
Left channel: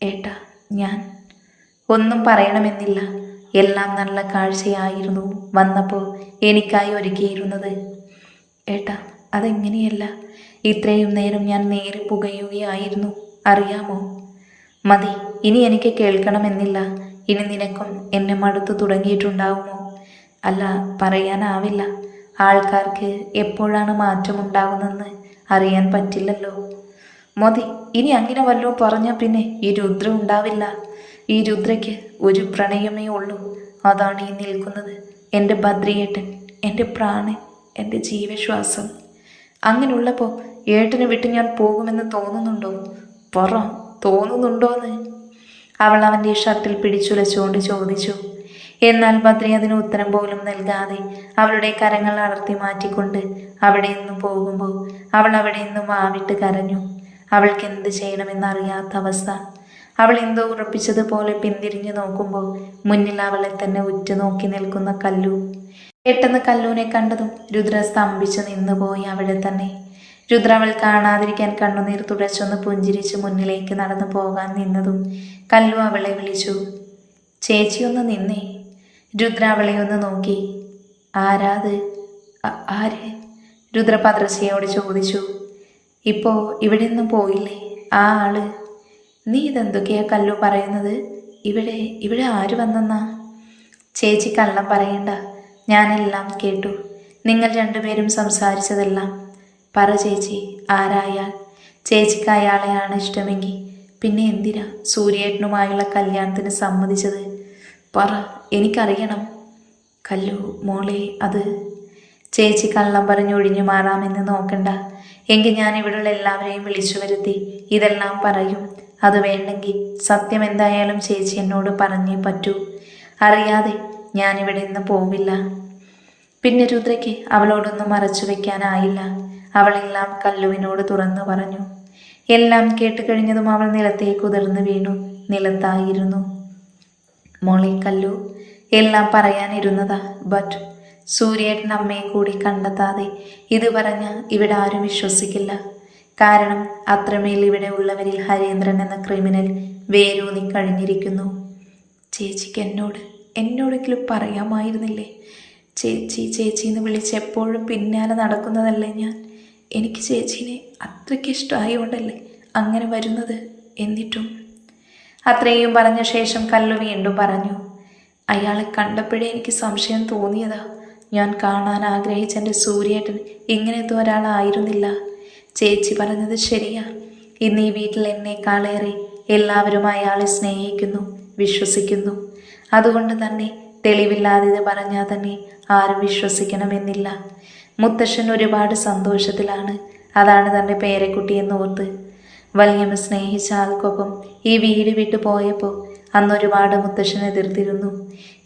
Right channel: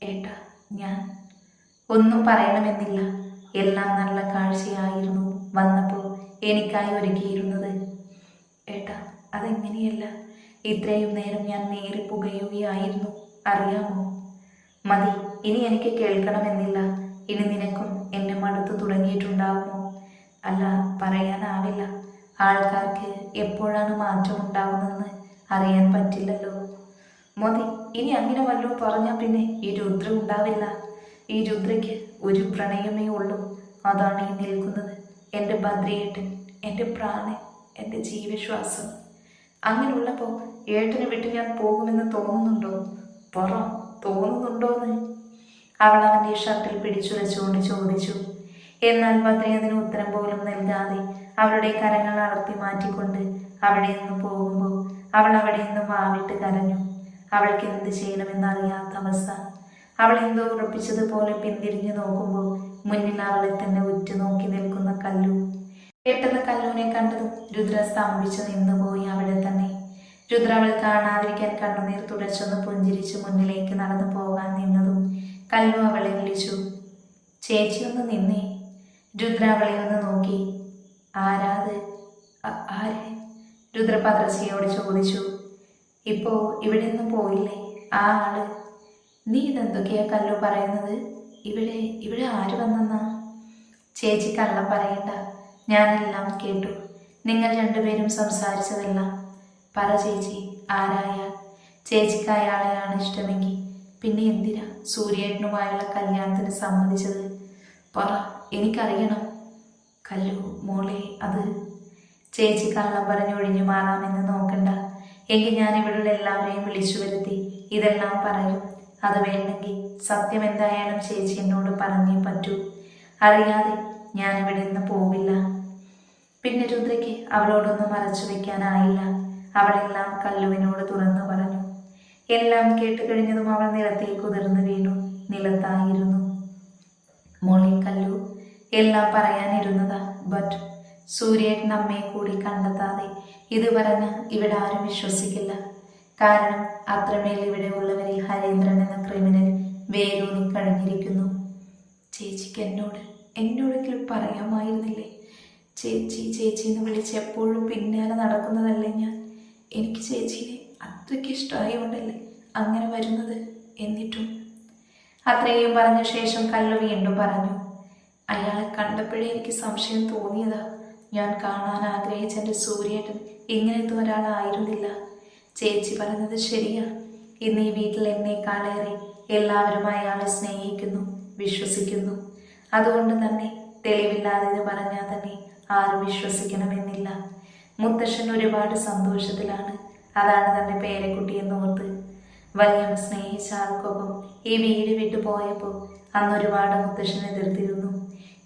ഏട്ടാ, ഞാൻ ഒന്നും പറയണമെന്നില്ല. എല്ലാം നല്ല കാഴ്ചയായിരുന്നു വന്നപ്പോൾ എനിക്കായി ഒരുക്കിയിരുന്നത്. ഏട്ടാ, അതെങ്ങനെയല്ല. ഇത്രയും നേരം ഞാൻ നേരി പുകയുകയായിരുന്നു, അറിയാമോ? മതി, ഇനി എനിക്ക് കേൾക്കണമെന്നില്ല. ഇനി നിനക്കും എന്നെ മടുത്തു തുടങ്ങിയിട്ടുണ്ടാവുമോ? അല്ല, പറയാനാവില്ല. ആൾക്കാർക്ക് എപ്പോഴാണ് മാറ്റമുണ്ടാകുന്നതെന്ന് അറിയാൻ പറ്റില്ലല്ലോ. മതി, ഇനി അങ്ങനെ വല്ലതും പറഞ്ഞാൽ പിന്നെ ഈ രുദ്ര ഉണ്ടാവില്ല. ഈ രുദ്രയ്ക്ക് ഒരു പ്രണയമേ ഉള്ളൂ. അതാണ് ഈ നിൽക്കുന്നത്. എൻ്റെ ബദ്രിയേട്ടൻ, എൻ്റെ പ്രാണൻ, എൻ്റെ ജീവശ്വാസം. അങ്ങനെയുള്ളപ്പോൾ ഏട്ടനെ വിട്ട് ഞാൻ പോകുമെന്ന് തോന്നുന്നുണ്ടോ? പറ, തോന്നുന്നുണ്ടോന്ന്? അവൾ അവൻ്റെ ഷർട്ടിൽ പിടിച്ചുലച്ചുകൊണ്ട് ചോദിച്ചു. എന്നാൽ ബദ്രി അതിന് ഉത്തരം പോലും നൽകാതെ അവളുടെ കരങ്ങൾ അടർത്തി മാറ്റിക്കൊണ്ട് അവിടെ നിന്ന് പോകുമ്പോൾ അവൾ അവിടെ നിന്ന് വാവിട്ട് കരഞ്ഞു. അവൾക്ക് എന്ത് ചെയ്യണമെന്നറിയാത്ത അവസ്ഥ. അവൾ എന്തോ ഉറപ്പിച്ചതുപോലെ പിന്തിരിഞ്ഞു നോക്കുമ്പോൾ മുന്നിൽ അവളെ തന്നെ ഉറ്റുനോക്കി നിൽക്കുന്ന കല്ലു. പെട്ടെന്ന് കല്ലുവിനെ കണ്ടതും രുദ്ര സ്തംഭിച്ചു നിന്നുപോയി അവിടെ തന്നെ. രുദ്ര അവൾ കാണാതിരിക്കാൻ കണ്ണുനീർ തുടച്ചൊന്ന് പുഞ്ചിരിച്ച് മുന്നിലേക്ക് നടന്നു പോകാൻ നിന്നതും കല്ലു അവളെ വിളിച്ചു. ചേച്ചിയൊന്ന് നിന്നേ. രുദ്ര അവളെ ഒന്ന് നോക്കി. ആരാത്? ആര്? രുദ്ര പദ്രശയോട് ചോദിച്ചു. ഇപ്പോൾ ഇവിടെ നിന്നും പോയില്ലേ ആ ആള്? നീ ഇതെന്തൊക്കെയാ കല്ലു പറയുന്നത്? ഇവിടെ ആര് വന്നെന്നാ? ചേച്ചി കള്ളം പറയണ്ട, ഞാനെല്ലാം കേട്ടു. നിങ്ങൾ രണ്ടുപേരും സംസാരിച്ചതെല്ലാം. പറ ചേച്ചി, ആരായാൽ? ചേച്ചിക്ക് അയാളെയാണ് ഇഷ്ടമെങ്കിൽ പിന്നെ എന്തിനാ സൂര്യേട്ടനുമായുള്ള കല്യാണത്തിന് സമ്മതിച്ചത്? പറ, എനിക്കറിയണം. കല്ലു മോളെ, അത് ചേച്ചി കള്ളം പറഞ്ഞൊഴിഞ്ഞു മാറാമെന്ന് നോക്കണ്ട. എങ്കിൽ ഞാൻ ഇവിടെയുള്ള എല്ലാവരെയും വിളിച്ചു വരുത്തി ഇതെല്ലാം പറയും. അത് വേണ്ടെങ്കിൽ സത്യം എന്തായാലും ചേച്ചി എന്നോട് പറഞ്ഞേ പറ്റൂ. അറിയാതെ ഞാനിവിടെ നിന്ന് പോവില്ല. പിന്നെ രുദ്രയ്ക്ക് അവളോടൊന്നും മറച്ചു വയ്ക്കാനായില്ല. അവളെല്ലാം കല്ലുവിനോട് തുറന്നു പറഞ്ഞു. എല്ലാം കേട്ട് കഴിഞ്ഞതും അവൾ നിലത്തേക്ക് ഉതിർന്നു വീണു. നിലത്തായിരുന്നു. മോളെ കല്ലു, എല്ലാം പറയാനിരുന്നതാ. ബട്ട് സൂര്യേട്ടൻ അമ്മയെ കൂടി കണ്ടെത്താതെ ഇത് പറഞ്ഞ ഇവിടെ ആരും വിശ്വസിക്കില്ല. കാരണം അത്രമേൽ ഇവിടെ ഉള്ളവരിൽ ഹരീന്ദ്രൻ എന്ന ക്രിമിനൽ വേരൂന്നി കഴിഞ്ഞിരിക്കുന്നു. ചേച്ചിക്ക് എന്നോടെങ്കിലും പറയാമായിരുന്നില്ലേ? ചേച്ചി എന്ന് വിളിച്ച് എപ്പോഴും പിന്നാലെ നടക്കുന്നതല്ലേ ഞാൻ. എനിക്ക് ചേച്ചീനെ അത്രയ്ക്ക് ഇഷ്ടമായോണ്ടല്ലേ അങ്ങനെ വരുന്നത്. എന്നിട്ടും അത്രയും പറഞ്ഞ ശേഷം കല്ലു വീണ്ടും പറഞ്ഞു. അയാളെ കണ്ടപ്പോഴേ എനിക്ക് സംശയം തോന്നിയതാ. ഞാൻ കാണാൻ ആഗ്രഹിച്ച എൻ്റെ സൂര്യേട്ടൻ ഇങ്ങനത്തെ ഒരാളായിരുന്നില്ല. ചേച്ചി പറഞ്ഞത് ശരിയാ. ഇന്ന് ഈ വീട്ടിൽ എന്നെക്കാളേറെ എല്ലാവരും അയാളെ സ്നേഹിക്കുന്നു, വിശ്വസിക്കുന്നു. അതുകൊണ്ട് തന്നെ തെളിവില്ലാതെ പറഞ്ഞാൽ തന്നെ ആരും വിശ്വസിക്കണമെന്നില്ല. മുത്തശ്ശൻ ഒരുപാട് സന്തോഷത്തിലാണ്. അതാണ് തൻ്റെ പേരക്കുട്ടിയെന്ന് ഓർത്ത്. വലിയമ്മ സ്നേഹിച്ച ആൾക്കൊപ്പം ഈ വീട് വിട്ടു പോയപ്പോൾ അന്നൊരുപാട് മുത്തശ്ശൻ എതിർത്തിരുന്നു.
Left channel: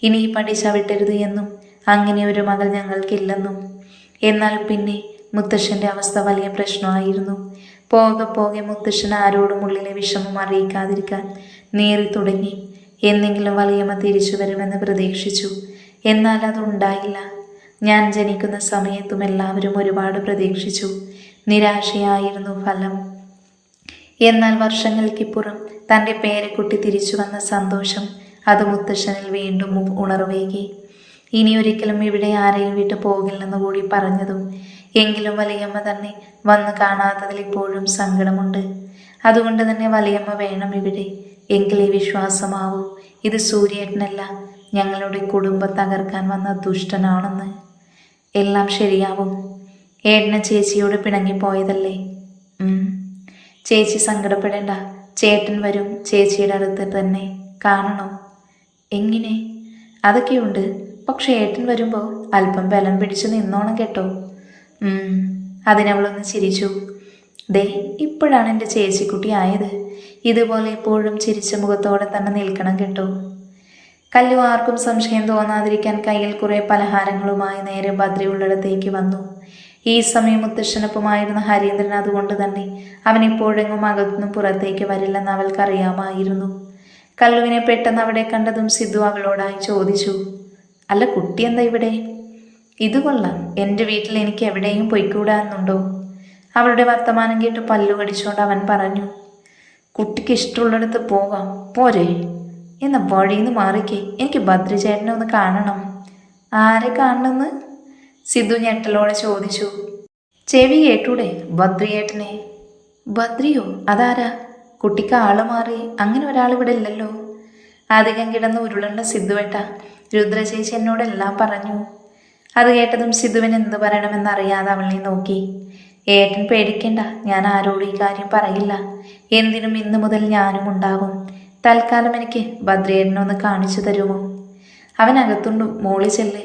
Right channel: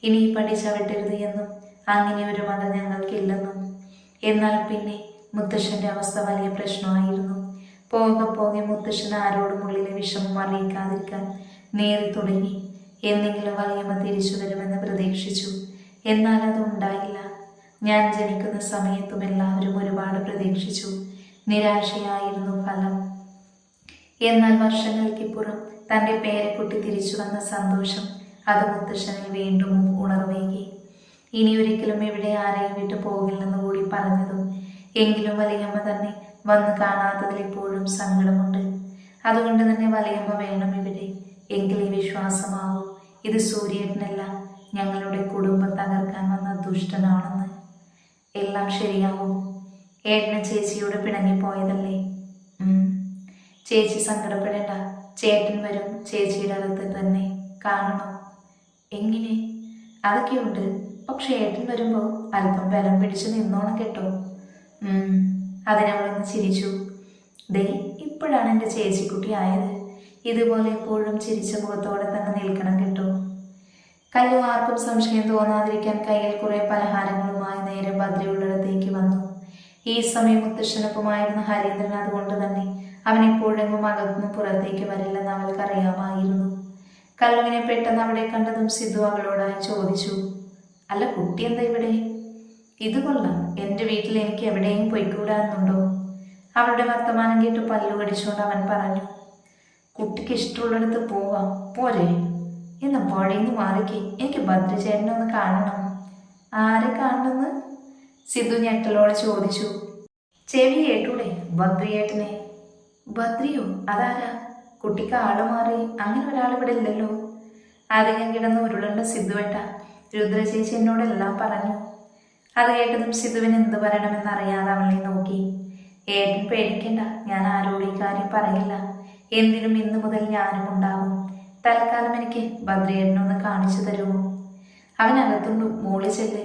ഇനി ഈ പടി ചവിട്ടരുത് എന്നും അങ്ങനെ ഒരു മകൾ ഞങ്ങൾക്കില്ലെന്നും. എന്നാൽ പിന്നെ മുത്തശ്ശൻ്റെ അവസ്ഥ വലിയ പ്രശ്നമായിരുന്നു. പോകെ മുത്തശ്ശൻ ആരോടും ഉള്ളിലെ വിഷമം അറിയിക്കാതിരിക്കാൻ നേറി തുടങ്ങി. എന്നെങ്കിലും വലിയമ്മ തിരിച്ചു വരുമെന്ന് പ്രതീക്ഷിച്ചു. എന്നാൽ അതുണ്ടായില്ല. ഞാൻ ജനിക്കുന്ന സമയത്തും എല്ലാവരും ഒരുപാട് പ്രതീക്ഷിച്ചു. നിരാശയായിരുന്നു ഫലം. എന്നാൽ വർഷങ്ങൾക്കിപ്പുറം തൻ്റെ പേരക്കുട്ടി തിരിച്ചു വന്ന സന്തോഷം അത് മുത്തശ്ശനിൽ വീണ്ടും ഉണർവേകി. ഇനിയൊരിക്കലും ഇവിടെ ആരെയും വിട്ടു പോകില്ലെന്ന് കൂടി പറഞ്ഞതും എങ്കിലും വലിയമ്മ തന്നെ വന്ന് കാണാത്തതിൽ ഇപ്പോഴും സങ്കടമുണ്ട്. അതുകൊണ്ട് തന്നെ വലിയമ്മ വേണം ഇവിടെ. എങ്കിലേ വിശ്വാസമാവൂ ഇത് സൂര്യേട്ടനല്ല, ഞങ്ങളുടെ കുടുംബം തകർക്കാൻ വന്ന ദുഷ്ടനാണെന്ന്. എല്ലാം ശരിയാവും. ഏട്ടന് ചേച്ചിയോട് പിണങ്ങിപ്പോയതല്ലേ? ചേച്ചി സങ്കടപ്പെടേണ്ട. ചേട്ടൻ വരും. ചേച്ചിയുടെ അടുത്ത് തന്നെ. കാണണോ? എങ്ങനെ? അതൊക്കെയുണ്ട്. പക്ഷെ ഏട്ടൻ വരുമ്പോൾ അല്പം ബലം പിടിച്ച് നിന്നോണം കേട്ടോ. അതിനവളൊന്ന് ചിരിച്ചു. ദേ, ഇപ്പോഴാണ് എൻ്റെ ചേച്ചിക്കുട്ടി ആയത്. ഇതുപോലെ എപ്പോഴും ചിരിച്ച മുഖത്തോടെ തന്നെ നിൽക്കണം കേട്ടോ. കല്ലു ആർക്കും സംശയം തോന്നാതിരിക്കാൻ കയ്യിൽ കുറേ പലഹാരങ്ങളുമായി നേരെ ബദ്രിയുള്ളിടത്തേക്ക് വന്നു. ഈ സമയം മുത്തശ്ശനൊപ്പമായിരുന്ന ഹരീന്ദ്രൻ അതുകൊണ്ട് തന്നെ അവൻ എപ്പോഴെങ്ങും അകത്തുനിന്ന് പുറത്തേക്ക് വരില്ലെന്ന് അവൾക്കറിയാമായിരുന്നു. കല്ലുവിനെ പെട്ടെന്ന് അവിടെ കണ്ടതും സിദ്ധു അവളോടായി ചോദിച്ചു. അല്ല കുട്ടി എന്താ ഇവിടെ? ഇത് കൊള്ളാം, എൻ്റെ വീട്ടിൽ എനിക്ക് എവിടെയും പൊയ്ക്കൂടാന്നുണ്ടോ? അവളുടെ വർത്തമാനം കേട്ട് പല്ലു കടിച്ചുകൊണ്ട് അവൻ പറഞ്ഞു. കുട്ടിക്ക് ഇഷ്ടമുള്ളിടത്ത് പോകാം, പോരെ? എന്ന വഴിന്ന് മാറിക്കേ, എനിക്ക് ഭദ്രചേട്ടനെ ഒന്ന് കാണണം. ആരെ കാണണമെന്ന് സിദ്ധു ഞെട്ടലോടെ ചോദിച്ചു. ചെവി കേട്ടൂടെ, ഭദ്രയേട്ടനെ. ഭദ്രിയോ? അതാരാ? കുട്ടിക്ക് ആള് മാറി, അങ്ങനെ ഒരാൾ ഇവിടെ ഇല്ലല്ലോ. അധികം കിടന്ന് ഉരുളുണ്ട സിദ്ധുവേട്ട, രുദ്രചേച്ചി എന്നോടെല്ലാം പറഞ്ഞു. അത് കേട്ടതും സിദ്ധുവിന് എന്തു പറയണമെന്നറിയാതെ അവളെ നോക്കി. ഏട്ടൻ പേടിക്കണ്ട, ഞാൻ ആരോടും ഈ കാര്യം പറയില്ല. എന്തിനും ഇന്നു മുതൽ ഞാനും ഉണ്ടാവും. തൽക്കാലം എനിക്ക് ഭദ്രയേട്ടനൊന്ന് കാണിച്ചു തരുമോ? അവൻ അകത്തുണ്ടു, മോളി ചെല്ല്.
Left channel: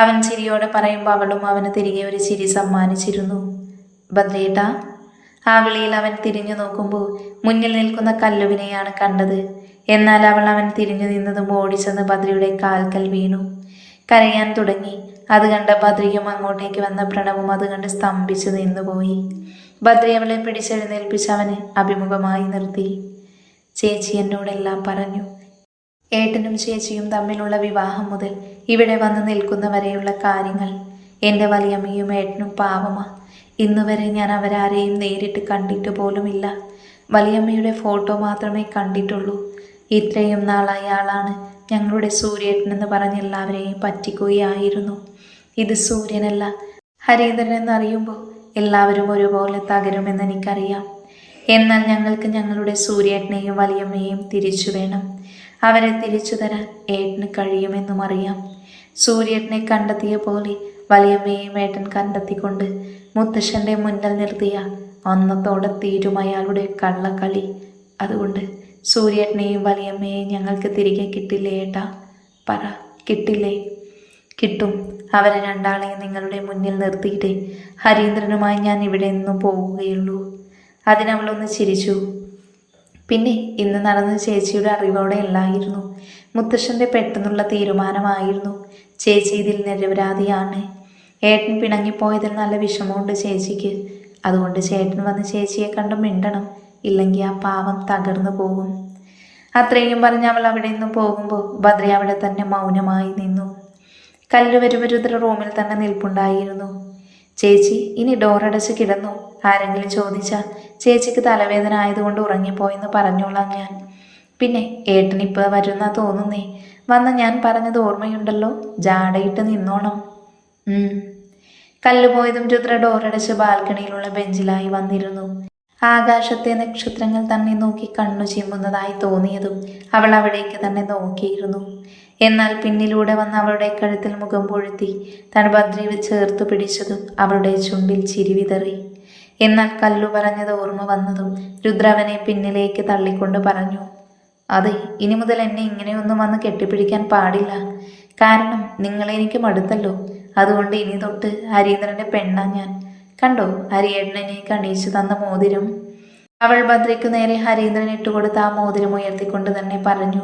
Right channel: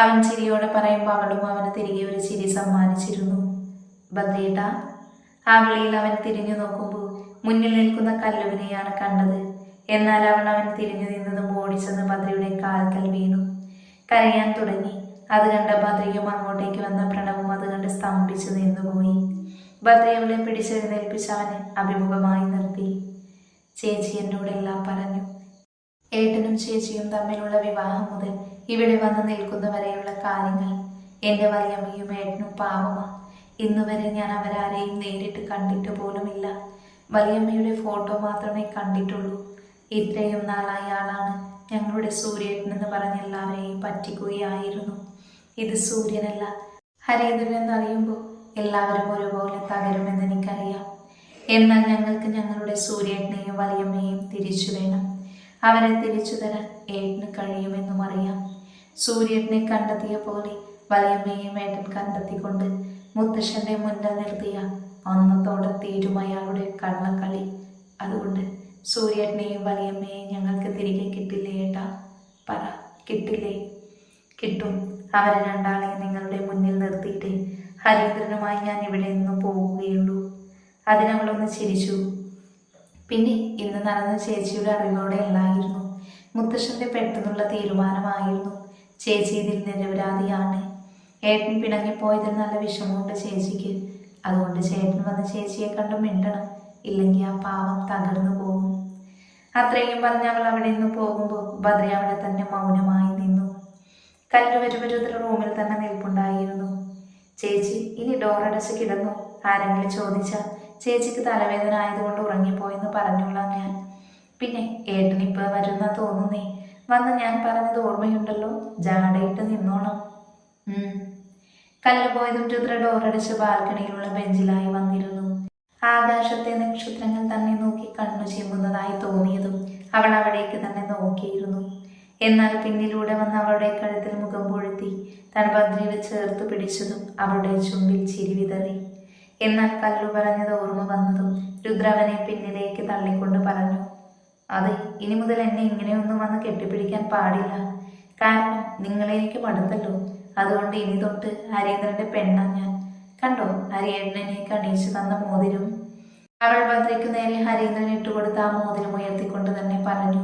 അവൻ ചിരിയോടെ പറയുമ്പോൾ അവളും അവന് തിരികെ ഒരു ചിരി സമ്മാനിച്ചിരുന്നു. ഭദ്രയേട്ടാ. ആ വിളിയിൽ അവൻ തിരിഞ്ഞു നോക്കുമ്പോൾ മുന്നിൽ നിൽക്കുന്ന കല്ലുവിനെയാണ് കണ്ടത്. എന്നാൽ അവൻ തിരിഞ്ഞു നിന്നതും ഓടിച്ചെന്ന് ഭദ്രയുടെ കാൽക്കൽ വീണു. കരയാൻ തുടങ്ങി. അത് കണ്ട് ഭദ്രയും അങ്ങോട്ടേക്ക് വന്ന പ്രണവും അത് കണ്ട് സ്തംഭിച്ചു നിന്നുപോയി. ഭദ്ര അവളെ പിടിച്ചെഴുന്നേൽപ്പിച്ച് അവന് അഭിമുഖമായി നിർത്തി. ചേച്ചി എന്നോടെല്ലാം പറഞ്ഞു. ഏട്ടനും ചേച്ചിയും തമ്മിലുള്ള വിവാഹം മുതൽ ഇവിടെ വന്ന് നിൽക്കുന്നവരെയുള്ള കാര്യങ്ങൾ. എൻ്റെ വലിയമ്മയും ഏട്ടനും പാവമാ. ഇന്നുവരെ ഞാൻ അവരാരെയും നേരിട്ട് കണ്ടിട്ട് പോലുമില്ല. വലിയമ്മയുടെ ഫോട്ടോ മാത്രമേ കണ്ടിട്ടുള്ളൂ. ഇത്രയും നാളായ ആളാണ് ഞങ്ങളുടെ സൂര്യേട്ടനെന്ന് പറഞ്ഞ് എല്ലാവരെയും പറ്റിക്കുകയായിരുന്നു. ഇത് സൂര്യനല്ല, ഹരീന്ദ്രൻ എന്നറിയുമ്പോൾ എല്ലാവരും ഒരുപോലെ തകരുമെന്ന് എനിക്കറിയാം. എന്നാൽ ഞങ്ങൾക്ക് ഞങ്ങളുടെ സൂര്യേട്ടനെയും വലിയമ്മയെയും തിരിച്ചു വേണം. അവരെ തിരിച്ചു തരാൻ ഏട്ടന് കഴിയുമെന്നും അറിയാം. സൂര്യേട്ടനെ കണ്ടെത്തിയ പോലെ വലിയമ്മയെയും ഏട്ടൻ കണ്ടെത്തിക്കൊണ്ട് മുത്തശ്ശൻ്റെ മുന്നിൽ നിർത്തിയ അന്നത്തോടെ തീരും അയാളുടെ കള്ളക്കളി. അതുകൊണ്ട് സൂര്യേട്ടനെയും വലിയമ്മയെയും ഞങ്ങൾക്ക് തിരികെ കിട്ടില്ലേ ഏട്ടാ? പറ, കിട്ടില്ലേ? കിട്ടും. അവരെ രണ്ടാളെയും നിങ്ങളുടെ മുന്നിൽ നിർത്തിയിട്ടേ ഹരീന്ദ്രനുമായി ഞാൻ ഇവിടെ നിന്നും പോവുകയുള്ളൂ. അതിനവളൊന്ന് ചിരിച്ചു. പിന്നെ ഇന്ന് നടന്ന ചേച്ചിയുടെ അറിവോടെ അല്ലായിരുന്നു. മുത്തശ്ശൻ്റെ പെട്ടെന്നുള്ള തീരുമാനമായിരുന്നു. ചേച്ചി ഇതിൽ നിരപരാധിയാണ്. ഏട്ടൻ പിണങ്ങിപ്പോയതിൽ നല്ല വിഷമമുണ്ട് ചേച്ചിക്ക്. അതുകൊണ്ട് ചേട്ടൻ വന്ന് ചേച്ചിയെ കണ്ട് മിണ്ടണം, ഇല്ലെങ്കിൽ ആ പാവം തകർന്നു പോകും. അത്രയും പറഞ്ഞ് അവൾ അവിടെ നിന്ന് പോകുമ്പോൾ ഭദ്ര അവിടെ തന്നെ മൗനമായി നിന്നു. കല്ലുവരുവരുദ്ര റൂമിൽ തന്നെ നിൽപ്പുണ്ടായിരുന്നു. ചേച്ചി ഇനി ഡോറടച്ച് കിടന്നു. ആരെങ്കിലും ചോദിച്ചാൽ ചേച്ചിക്ക് തലവേദന ആയതുകൊണ്ട് ഉറങ്ങിപ്പോയെന്ന് പറഞ്ഞോളാം ഞാൻ. പിന്നെ ഏട്ടനിപ്പോൾ വരുന്ന തോന്നുന്നേ. വന്ന് ഞാൻ പറഞ്ഞത് ഓർമ്മയുണ്ടല്ലോ, ജാടയിട്ട് നിന്നോണം. കല്ലുപോയതും രുദ്ര ഡോറടച്ച് ബാൽക്കണിയിലുള്ള ബെഞ്ചിലായി വന്നിരുന്നു. ആകാശത്തെ നക്ഷത്രങ്ങൾ തന്നെ നോക്കി കണ്ണു ചിമ്മുന്നതായി തോന്നിയതും അവൾ അവിടേക്ക് തന്നെ നോക്കിയിരുന്നു. എന്നാൽ പിന്നിലൂടെ വന്ന് അവളുടെ കഴുത്തിൽ മുഖം പൊഴുത്തി താൻ ഭദ്രയെ ചേർത്ത് പിടിച്ചതും അവളുടെ ചുണ്ടിൽ ചിരി വിതറി. എന്നാൽ കല്ലു പറഞ്ഞത് ഓർമ്മ വന്നതും രുദ്രവനെ പിന്നിലേക്ക് തള്ളിക്കൊണ്ട് പറഞ്ഞു. അതെ, ഇനി മുതൽ എന്നെ ഇങ്ങനെയൊന്നും വന്ന് കെട്ടിപ്പിടിക്കാൻ പാടില്ല. കാരണം നിങ്ങളെ എനിക്ക് മടുത്തല്ലോ. അതുകൊണ്ട് ഇനി തൊട്ട് ഹരീന്ദ്രൻ്റെ പെണ്ണാ ഞാൻ. കണ്ടോ ഹരിയേട്ടനെ കണിയിച്ചു തന്ന മോതിരം? അവൾ ഭദ്രയ്ക്ക് നേരെ ഹരീന്ദ്രൻ ഇട്ടുകൊടുത്ത ആ മോതിരം ഉയർത്തിക്കൊണ്ട് തന്നെ പറഞ്ഞു.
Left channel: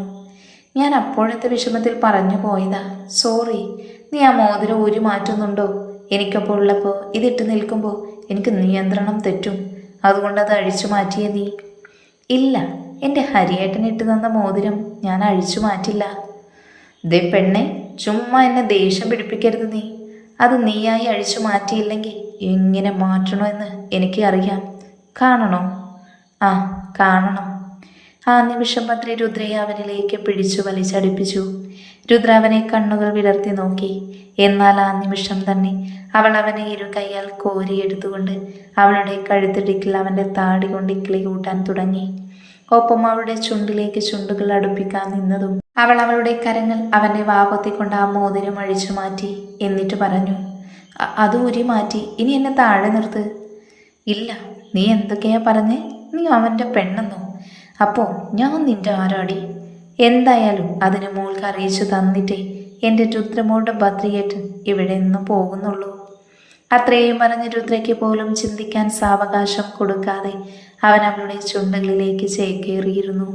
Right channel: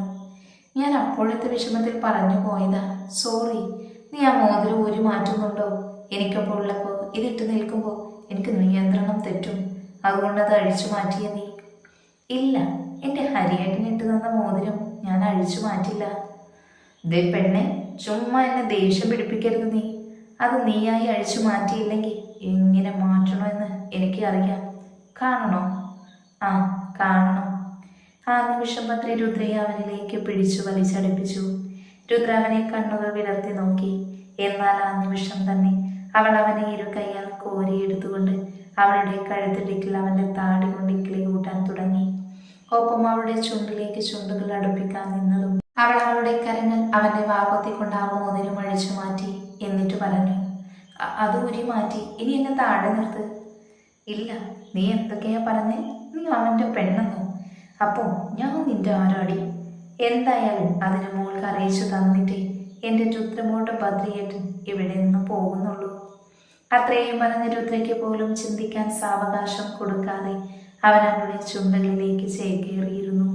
ഞാൻ അപ്പോഴത്തെ വിഷമത്തിൽ പറഞ്ഞു പോയതാ, സോറി. നീ ആ മോതിരം ഊരി മാറ്റുന്നുണ്ടോ? എനിക്കപ്പോൾ ഉള്ളപ്പോൾ ഇതിട്ട് നിൽക്കുമ്പോൾ എനിക്ക് നിയന്ത്രണം തെറ്റും. അതുകൊണ്ട് അത് അഴിച്ചു മാറ്റിയേ നീ. ഇല്ല, എൻ്റെ ഹരിയേട്ടനിട്ട് തന്ന മോതിരം ഞാൻ അഴിച്ചു മാറ്റില്ല. ദേ പെണ്ണെ, ചുമ്മാ എന്നെ ദേഷ്യം പിടിപ്പിക്കരുത് നീ. അത് നീയായി അഴിച്ചു മാറ്റിയില്ലെങ്കിൽ എങ്ങനെ മാറ്റണമെന്ന് എനിക്ക് അറിയാം. കാണണോ? ആ, കാണണം. ആ നിമിഷം ഭദ്ര രുദ്രയെ അവനിലേക്ക് പിടിച്ചു വലിച്ചടിപ്പിച്ചു. രുദ്ര അവനെ കണ്ണുകൾ വിടർത്തി നോക്കി. എന്നാൽ ആ നിമിഷം തന്നെ അവൾ അവനെ ഇരു കൈയാൽ കോരിയെടുത്തുകൊണ്ട് അവളുടെ കഴുത്തിടിക്കിൽ അവൻ്റെ താടി കൊണ്ട് ഇക്കിളി കൂട്ടാൻ തുടങ്ങി. ഒപ്പം അവളുടെ ചുണ്ടിലേക്ക് ചുണ്ടുകൾ അടുപ്പിക്കാൻ നിന്നതും അവൾ അവളുടെ കരങ്ങൾ അവൻ്റെ വാപത്തിക്കൊണ്ട് ആ മോതിരം അഴിച്ചു മാറ്റി. എന്നിട്ട് പറഞ്ഞു, അത് ഊരി മാറ്റി, ഇനി എന്നെ താഴെ നിർത്ത്. ഇല്ല, നീ എന്തൊക്കെയാ പറഞ്ഞേ? നീ അവൻ്റെ പെണ്ണെന്നോ? അപ്പോൾ ഞാൻ നിന്റെ ആരാടി? എന്തായാലും അതിന് മോൾക്ക് അറിയിച്ചു തന്നിട്ടേ എൻ്റെ രുദ്രമോളുടെ ഭദ്രയേട്ടൻ ഇവിടെ നിന്ന് പോകുന്നുള്ളൂ. അത്രയും പറഞ്ഞ രുദ്രയ്ക്ക് പോലും ചിന്തിക്കാൻ സാവകാശം കൊടുക്കാതെ അവൻ അവളുടെ ചുണ്ടുകളിലേക്ക് ചേക്കേറിയിരുന്നു.